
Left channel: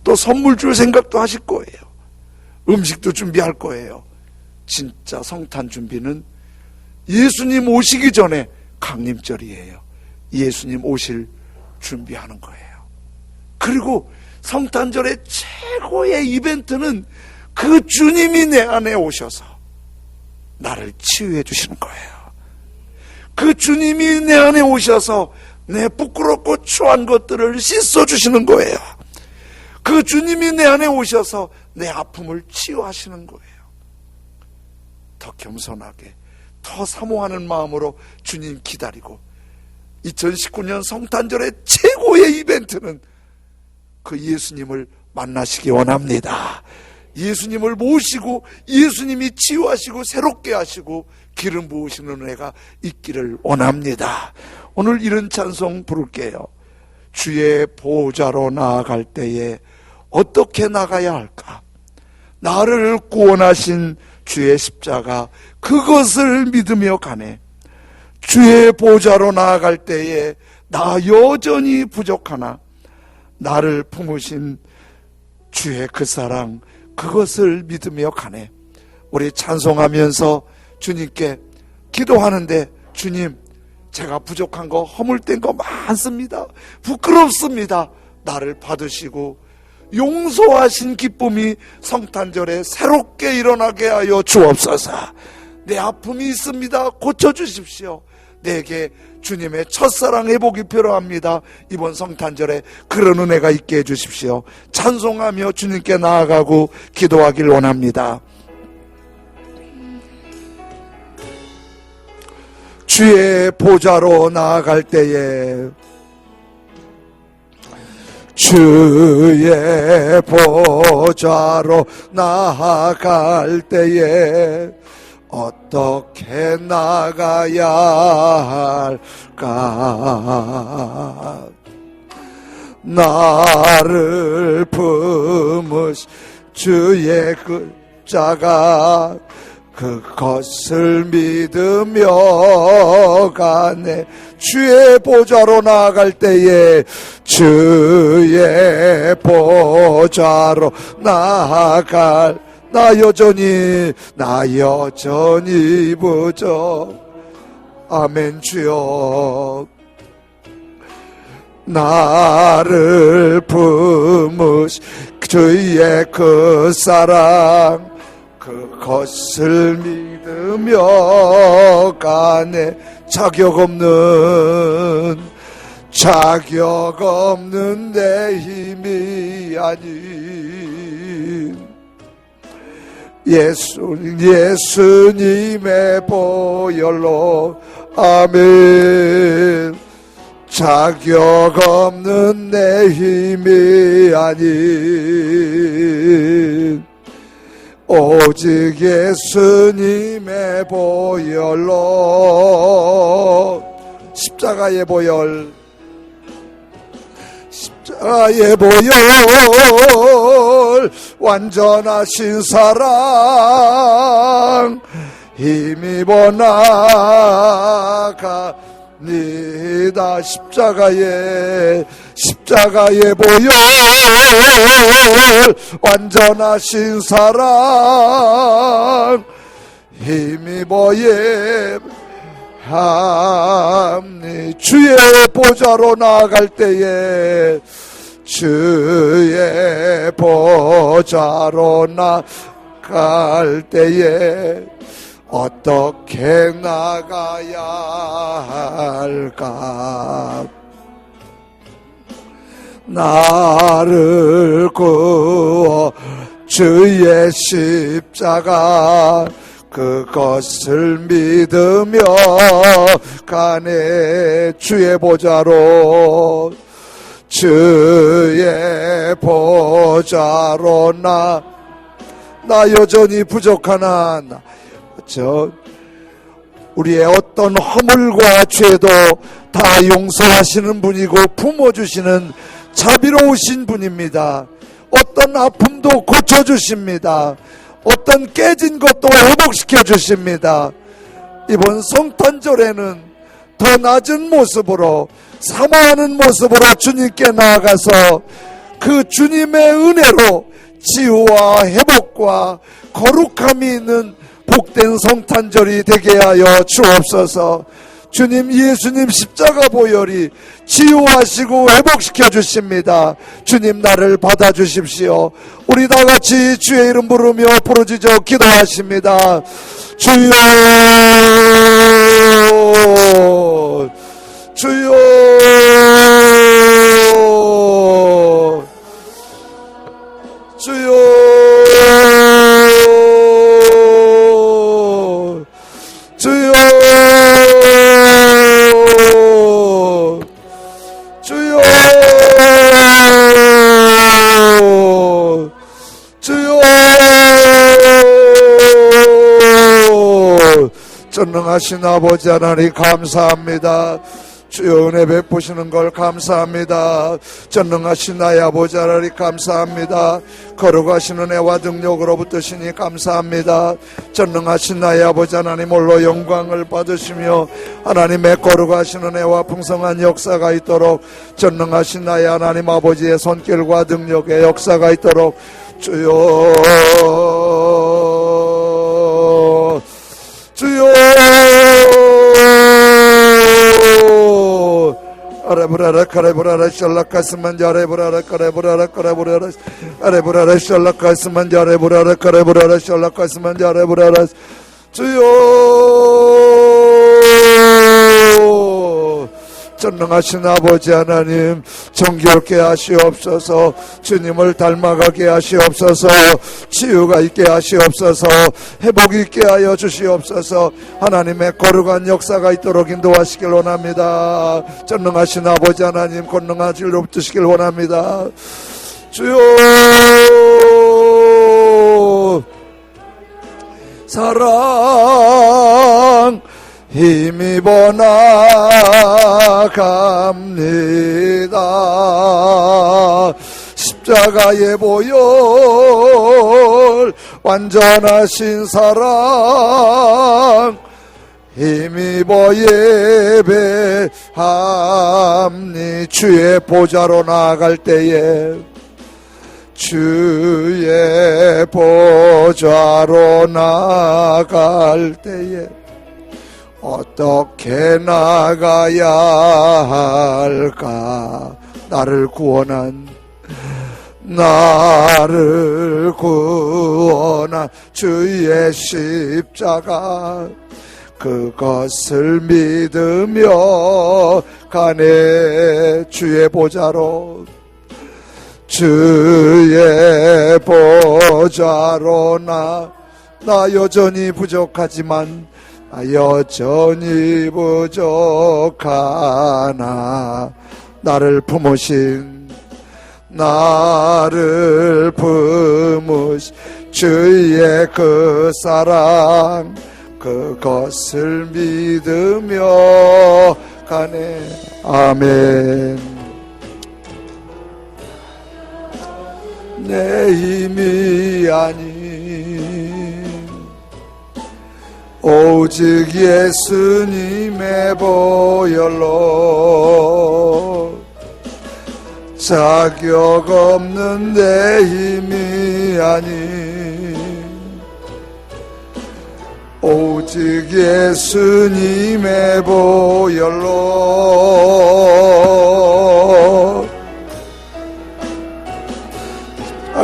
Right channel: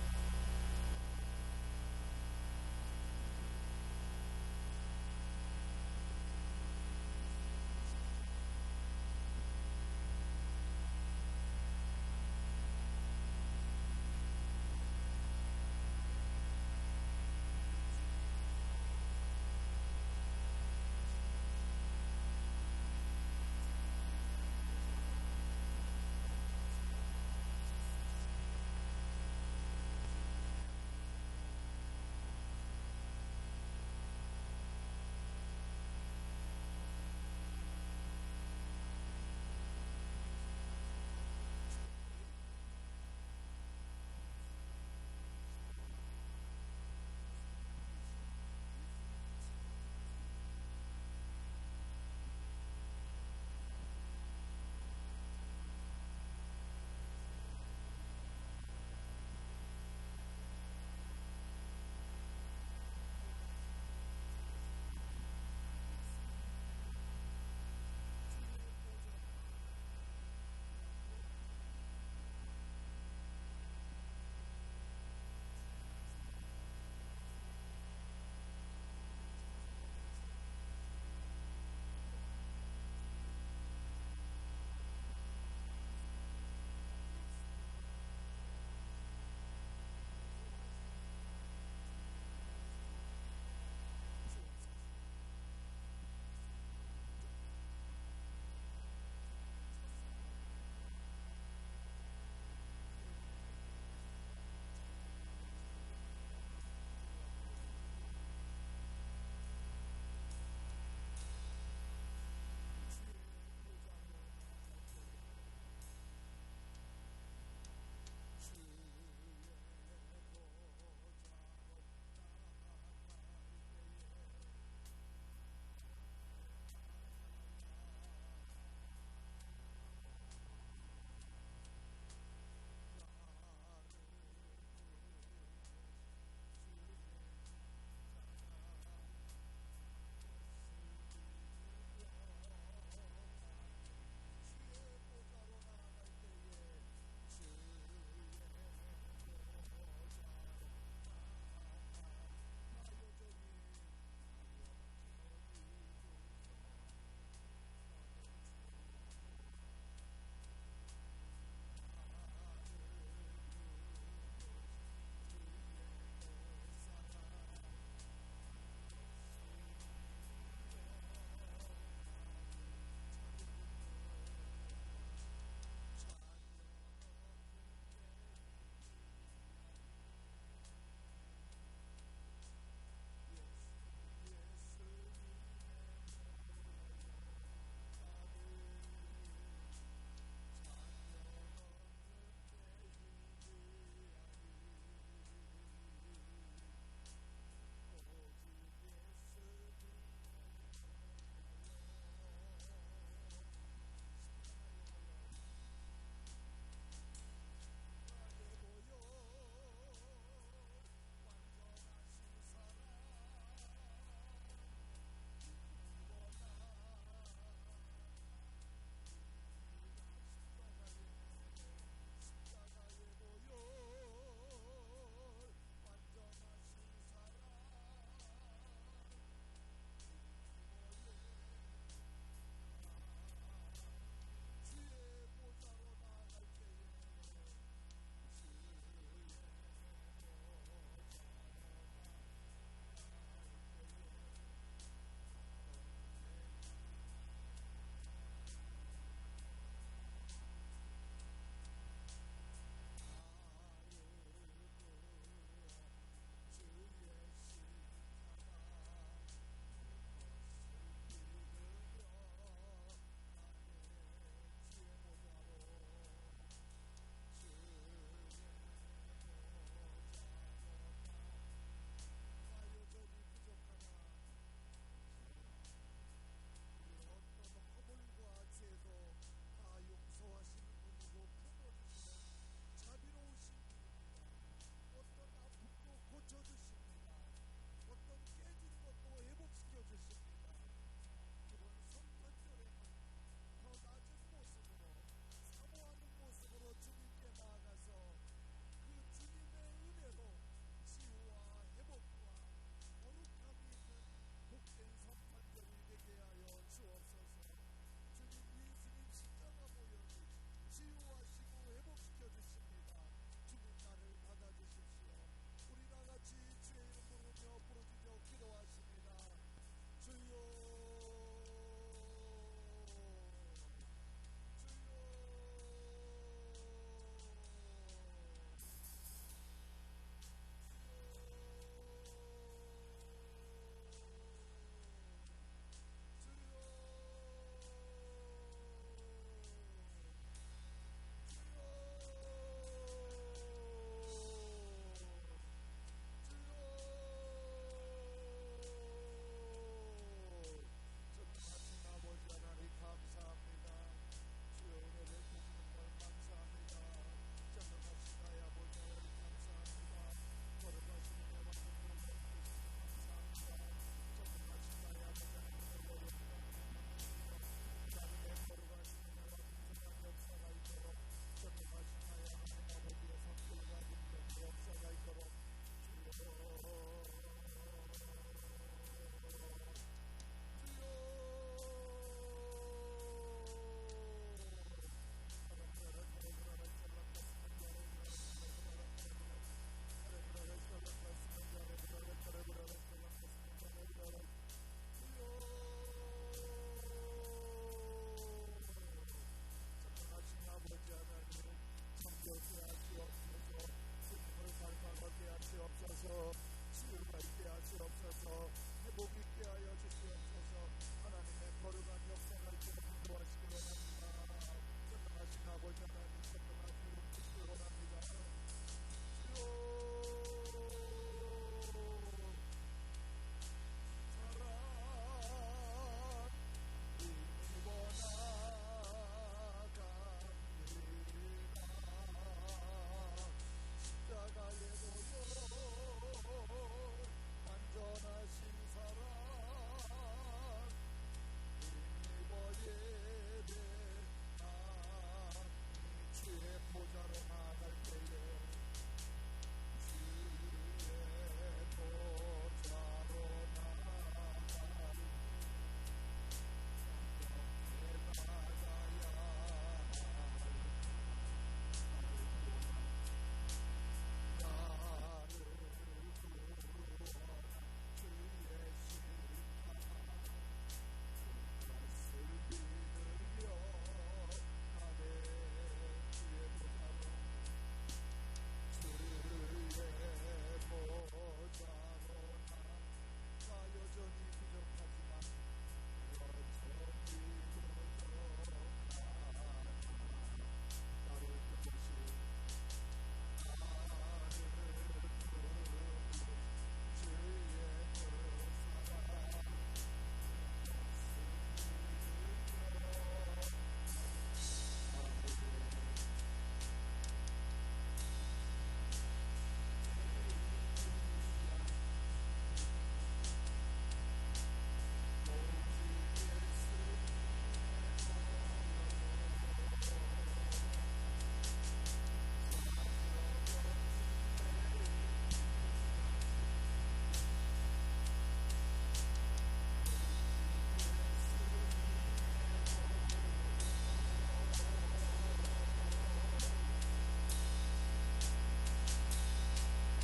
또 선물 줄 생각도 하실 거예요. 음식도 준비할 거예요. 진짜 성탄 준비는 예수님 오시기 전에 강림절이에요. 예수님 오실 준비하는 거예요. 그리고 성탄절의 최고의 이벤트는 그 주님이 내 안에 오셔서 나를 치유해 주시는 거예요. 그 주님이 내 안에 오셔서 내 부끄럽고 추한 것들을 씻어 주시는 거예요. 그 주님이 내 안에 오셔서 내 아픔을 치유하시는 거예요. 더 겸손하게, 더 사모하는 마음으로 주님 기다리고, 2019년 성탄절의 최고의 이벤트는 그 예수님을 만나시기 원합니다. 예수님을 모시고 예수님이 치유하시고 새롭게 하시고 기름 부으시는 은혜가 있기를 원합니다. 오늘 이런 찬송 부를게요. 주의 보좌로 나아갈 때에 어떻게 나가야 할까? 나를 구원하신 주의 십자가, 그것을 믿으며 가네. 주의 보좌로 나아갈 때에 나 여전히 부족하나 나를 품으신 주의 그 사랑, 그것을 믿으며 가네. 우리 찬송하면서 주님께 기도하는데, 주님, 제가 부족한 거, 허물된 거 많습니다. 부끄럽습니다. 나를 받으시고 용서하신 기쁨이 성탄절에 새롭게 일어나게 하여 주옵소서. 내 아픔이 있습니다. 고쳐주십시오. 내게 주님의 첫사랑 회복이 필요합니다. 이번 성탄절에 그런 은혜가 있게 해주십시오. 찬송하며 주님께 나아가고 기도하길 원합니다. 주의 보좌로 나아갈 때에 주의 보좌로 나아갈 때에 어떻게 나가야 할까? 나를 품으신 주의 그 자가 그것을 믿으며 가네. 주의 보좌로 나아갈 때에 주의 보좌로 나아갈 나 여전히 부족. 아멘. 주여 나를 품으신 주의 그 사랑 그것을 믿으며 가네. 자격 없는 내 힘이 아닌 예수님의 보혈로. 아멘. 자격 없는 내 힘이 아닌 오직 예수님의 보혈로. 십자가의 보혈 완전하신 사랑 힘입어 나가니다. 십자가의 보혈 완전하신 사랑 힘입어 합니. 주의 보좌로 나아갈 때에 주의 보좌로 나아갈 때에 어떻게 나가야 할까? 나를 구워 주의 십자가 그것을 믿으며 가네. 주의 보좌로 나 여전히 부족하나 우리의 어떤 허물과 죄도 다 용서하시는 분이고 품어주시는 자비로우신 분입니다. 어떤 아픔도 고쳐주십니다. 어떤 깨진 것도 회복시켜 주십니다. 이번 성탄절에는 더 낮은 모습으로 사모하는 모습으로 주님께 나아가서 그 주님의 은혜로 치유와 회복과 거룩함이 있는 복된 성탄절이 되게 하여 주옵소서. 주님, 예수님 십자가 보혈이 치유하시고 회복시켜 주십니다. 주님, 나를 받아주십시오. 우리 다 같이 주의 이름 부르며 부르짖어 기도하십니다. 주여, 주여, 주여, 주여, 주여, 주여. 전능하신 아버지 하나님 감사합니다. 주여, 은혜 베푸시는 걸 감사합니다. 전능하신 나의 아버지 하나님 감사합니다. 거룩하신 은혜와 능력으로부터 시니 감사합니다. 전능하신 나의 아버지 하나님 홀로 영광을 받으시며 하나님의 거룩하신 은혜와 풍성한 역사가 있도록 전능하신 나의 하나님 아버지의 손길과 능력의 역사가 있도록 주여, 주여, 아레브라라 카레브라라 샬라카스만 자레브라라 카레브라라 카레브라라 아레브라라 샬라카스만 자레브라라 카레브라라 샬라카스만 자레브라라 주여, 전능하신 아버지 하나님, 정결케 하시옵소서. 주님을 닮아가게 하시옵소서. 치유가 있게 하시옵소서. 회복이 있게 하여 주시옵소서. 하나님의 거룩한 역사가 있도록 인도하시길 원합니다. 전능하신 아버지 하나님, 권능하실 높으시길 원합니다. 주여, 사랑 힘입어 나갑니다. 십자가의 보혈 완전하신 사랑 힘입어 예배함니. 주의 보좌로 나아갈 때에, 주의 보좌로 나아갈 때에 어떻게 나가야 할까? 나를 구원한 주의 십자가, 그것을 믿으며 가네. 주의 보좌로, 주의 보좌로 나 여전히 부족하지만, 여전히 부족하나 나를 품으신 주의 그 사랑, 그것을 믿으며 가네. 아멘. 내 힘이 아닌 오직 예수님의 보혈로, 자격 없는 내 힘이 아닌 오직 예수님의 보혈로,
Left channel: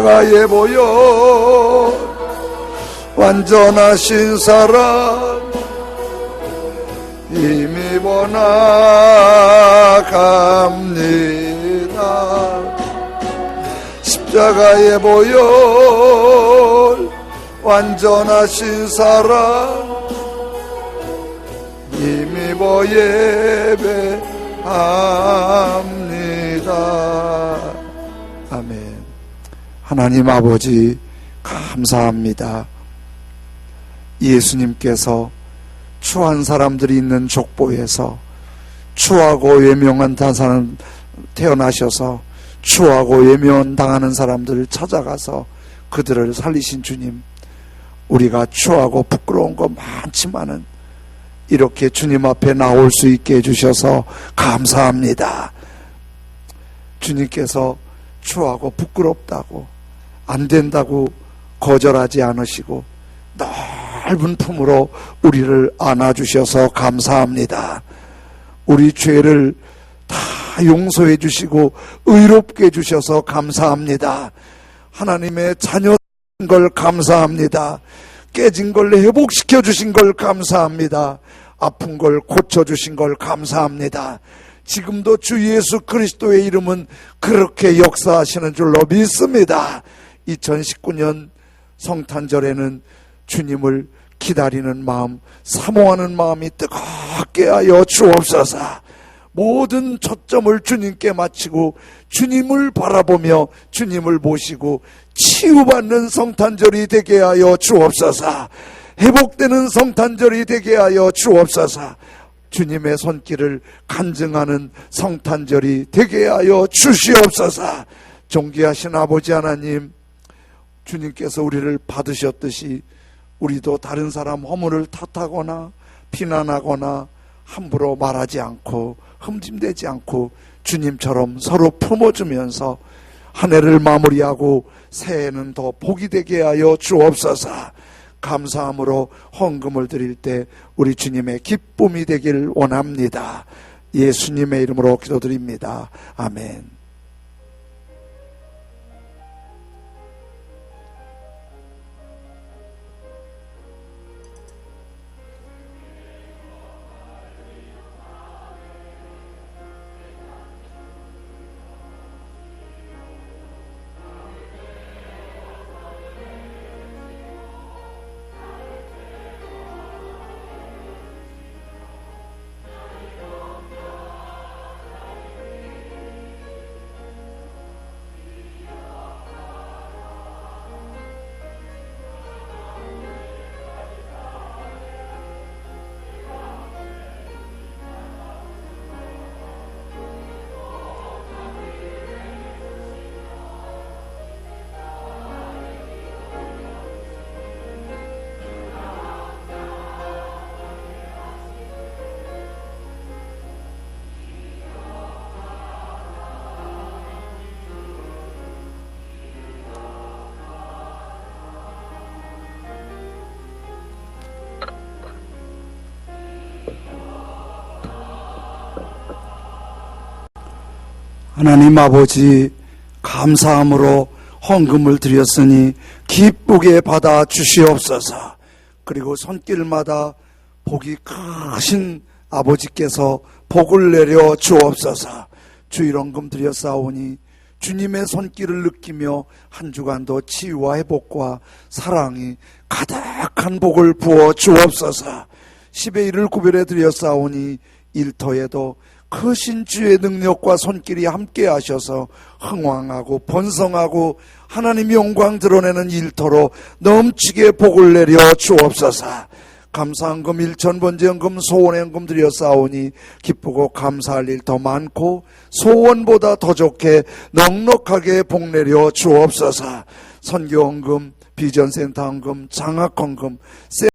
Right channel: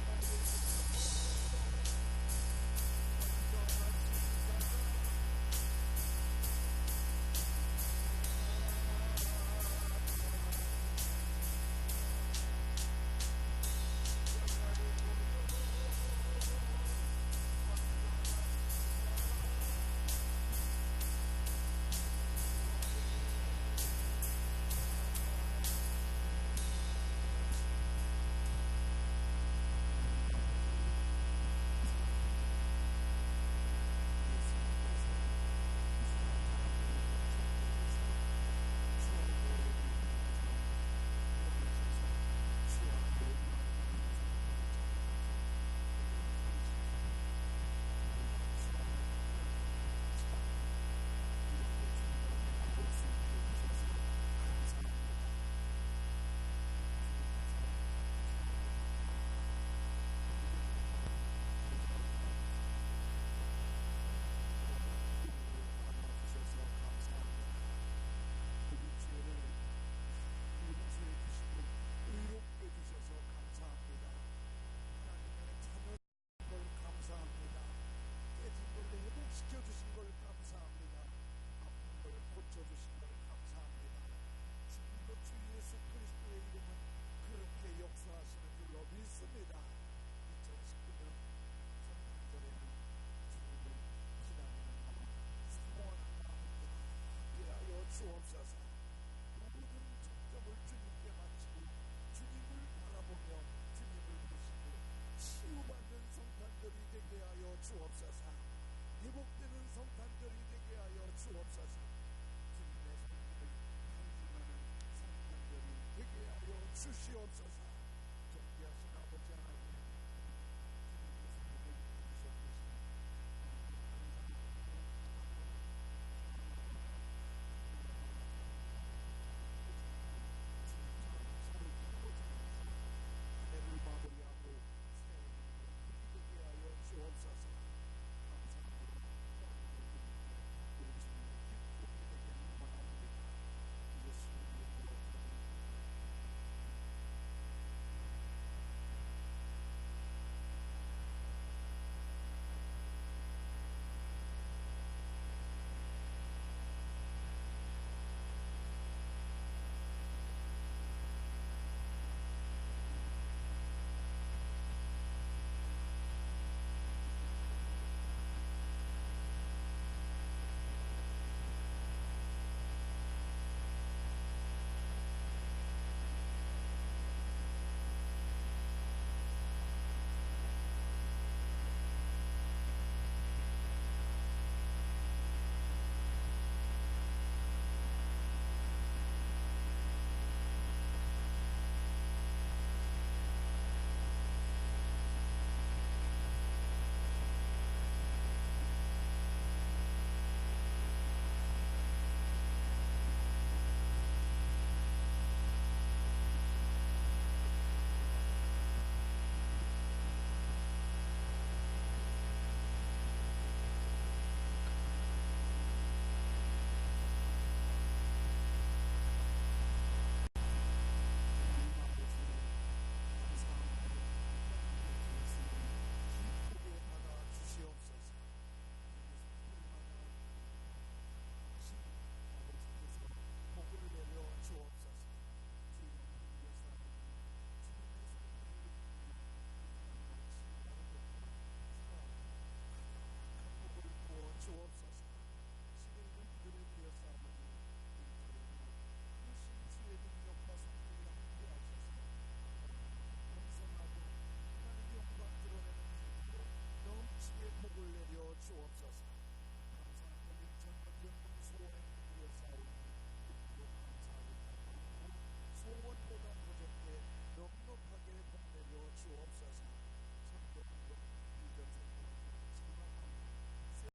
십자가의 보혈 완전하신 사랑 힘입어 나갑니다. 십자가의 보혈 완전하신 사랑 힘입어 예배합니다. 아멘. 하나님 아버지, 감사합니다. 예수님께서 추한 사람들이 있는 족보에서 추하고 외면한 사람 태어나셔서 추하고 외면 당하는 사람들을 찾아가서 그들을 살리신 주님, 우리가 추하고 부끄러운 거 많지만은 이렇게 주님 앞에 나올 수 있게 해주셔서 감사합니다. 주님께서 추하고 부끄럽다고 안 된다고 거절하지 않으시고 넓은 품으로 우리를 안아주셔서 감사합니다. 우리 죄를 다 용서해 주시고 의롭게 해주셔서 감사합니다. 하나님의 자녀인 걸 감사합니다. 깨진 걸 회복시켜 주신 걸 감사합니다. 아픈 걸 고쳐주신 걸 감사합니다. 지금도 주 예수 그리스도의 이름은 그렇게 역사하시는 줄로 믿습니다. 2019년 성탄절에는 주님을 기다리는 마음, 사모하는 마음이 뜨겁게 하여 주옵소서. 모든 초점을 주님께 마치고 주님을 바라보며 주님을 모시고 치유받는 성탄절이 되게 하여 주옵소서. 회복되는 성탄절이 되게 하여 주옵소서. 주님의 손길을 간증하는 성탄절이 되게 하여 주시옵소서. 존귀하신 아버지 하나님, 주님께서 우리를 받으셨듯이 우리도 다른 사람 허물을 탓하거나 비난하거나 함부로 말하지 않고 흠짐대지 않고 주님처럼 서로 품어주면서 한 해를 마무리하고 새해는 더 복이 되게 하여 주옵소서. 감사함으로 헌금을 드릴 때 우리 주님의 기쁨이 되길 원합니다. 예수님의 이름으로 기도드립니다. 아멘. 하나님 아버지, 감사함으로 헌금을 드렸으니 기쁘게 받아 주시옵소서. 그리고 손길마다 복이 크신 아버지께서 복을 내려 주옵소서. 주일헌금 드렸사오니 주님의 손길을 느끼며 한 주간도 치유와 회복과 사랑이 가득한 복을 부어 주옵소서. 10의 1을 구별해 드렸사오니 일터에도 크신 주의 능력과 손길이 함께 하셔서 흥왕하고 번성하고 하나님 영광 드러내는 일터로 넘치게 복을 내려 주옵소서. 감사헌금 1,000번제헌금 소원헌금 드렸사오니 기쁘고 감사할 일 더 많고 소원보다 더 좋게 넉넉하게 복 내려 주옵소서. 선교헌금, 비전센터 헌금, 장학헌금,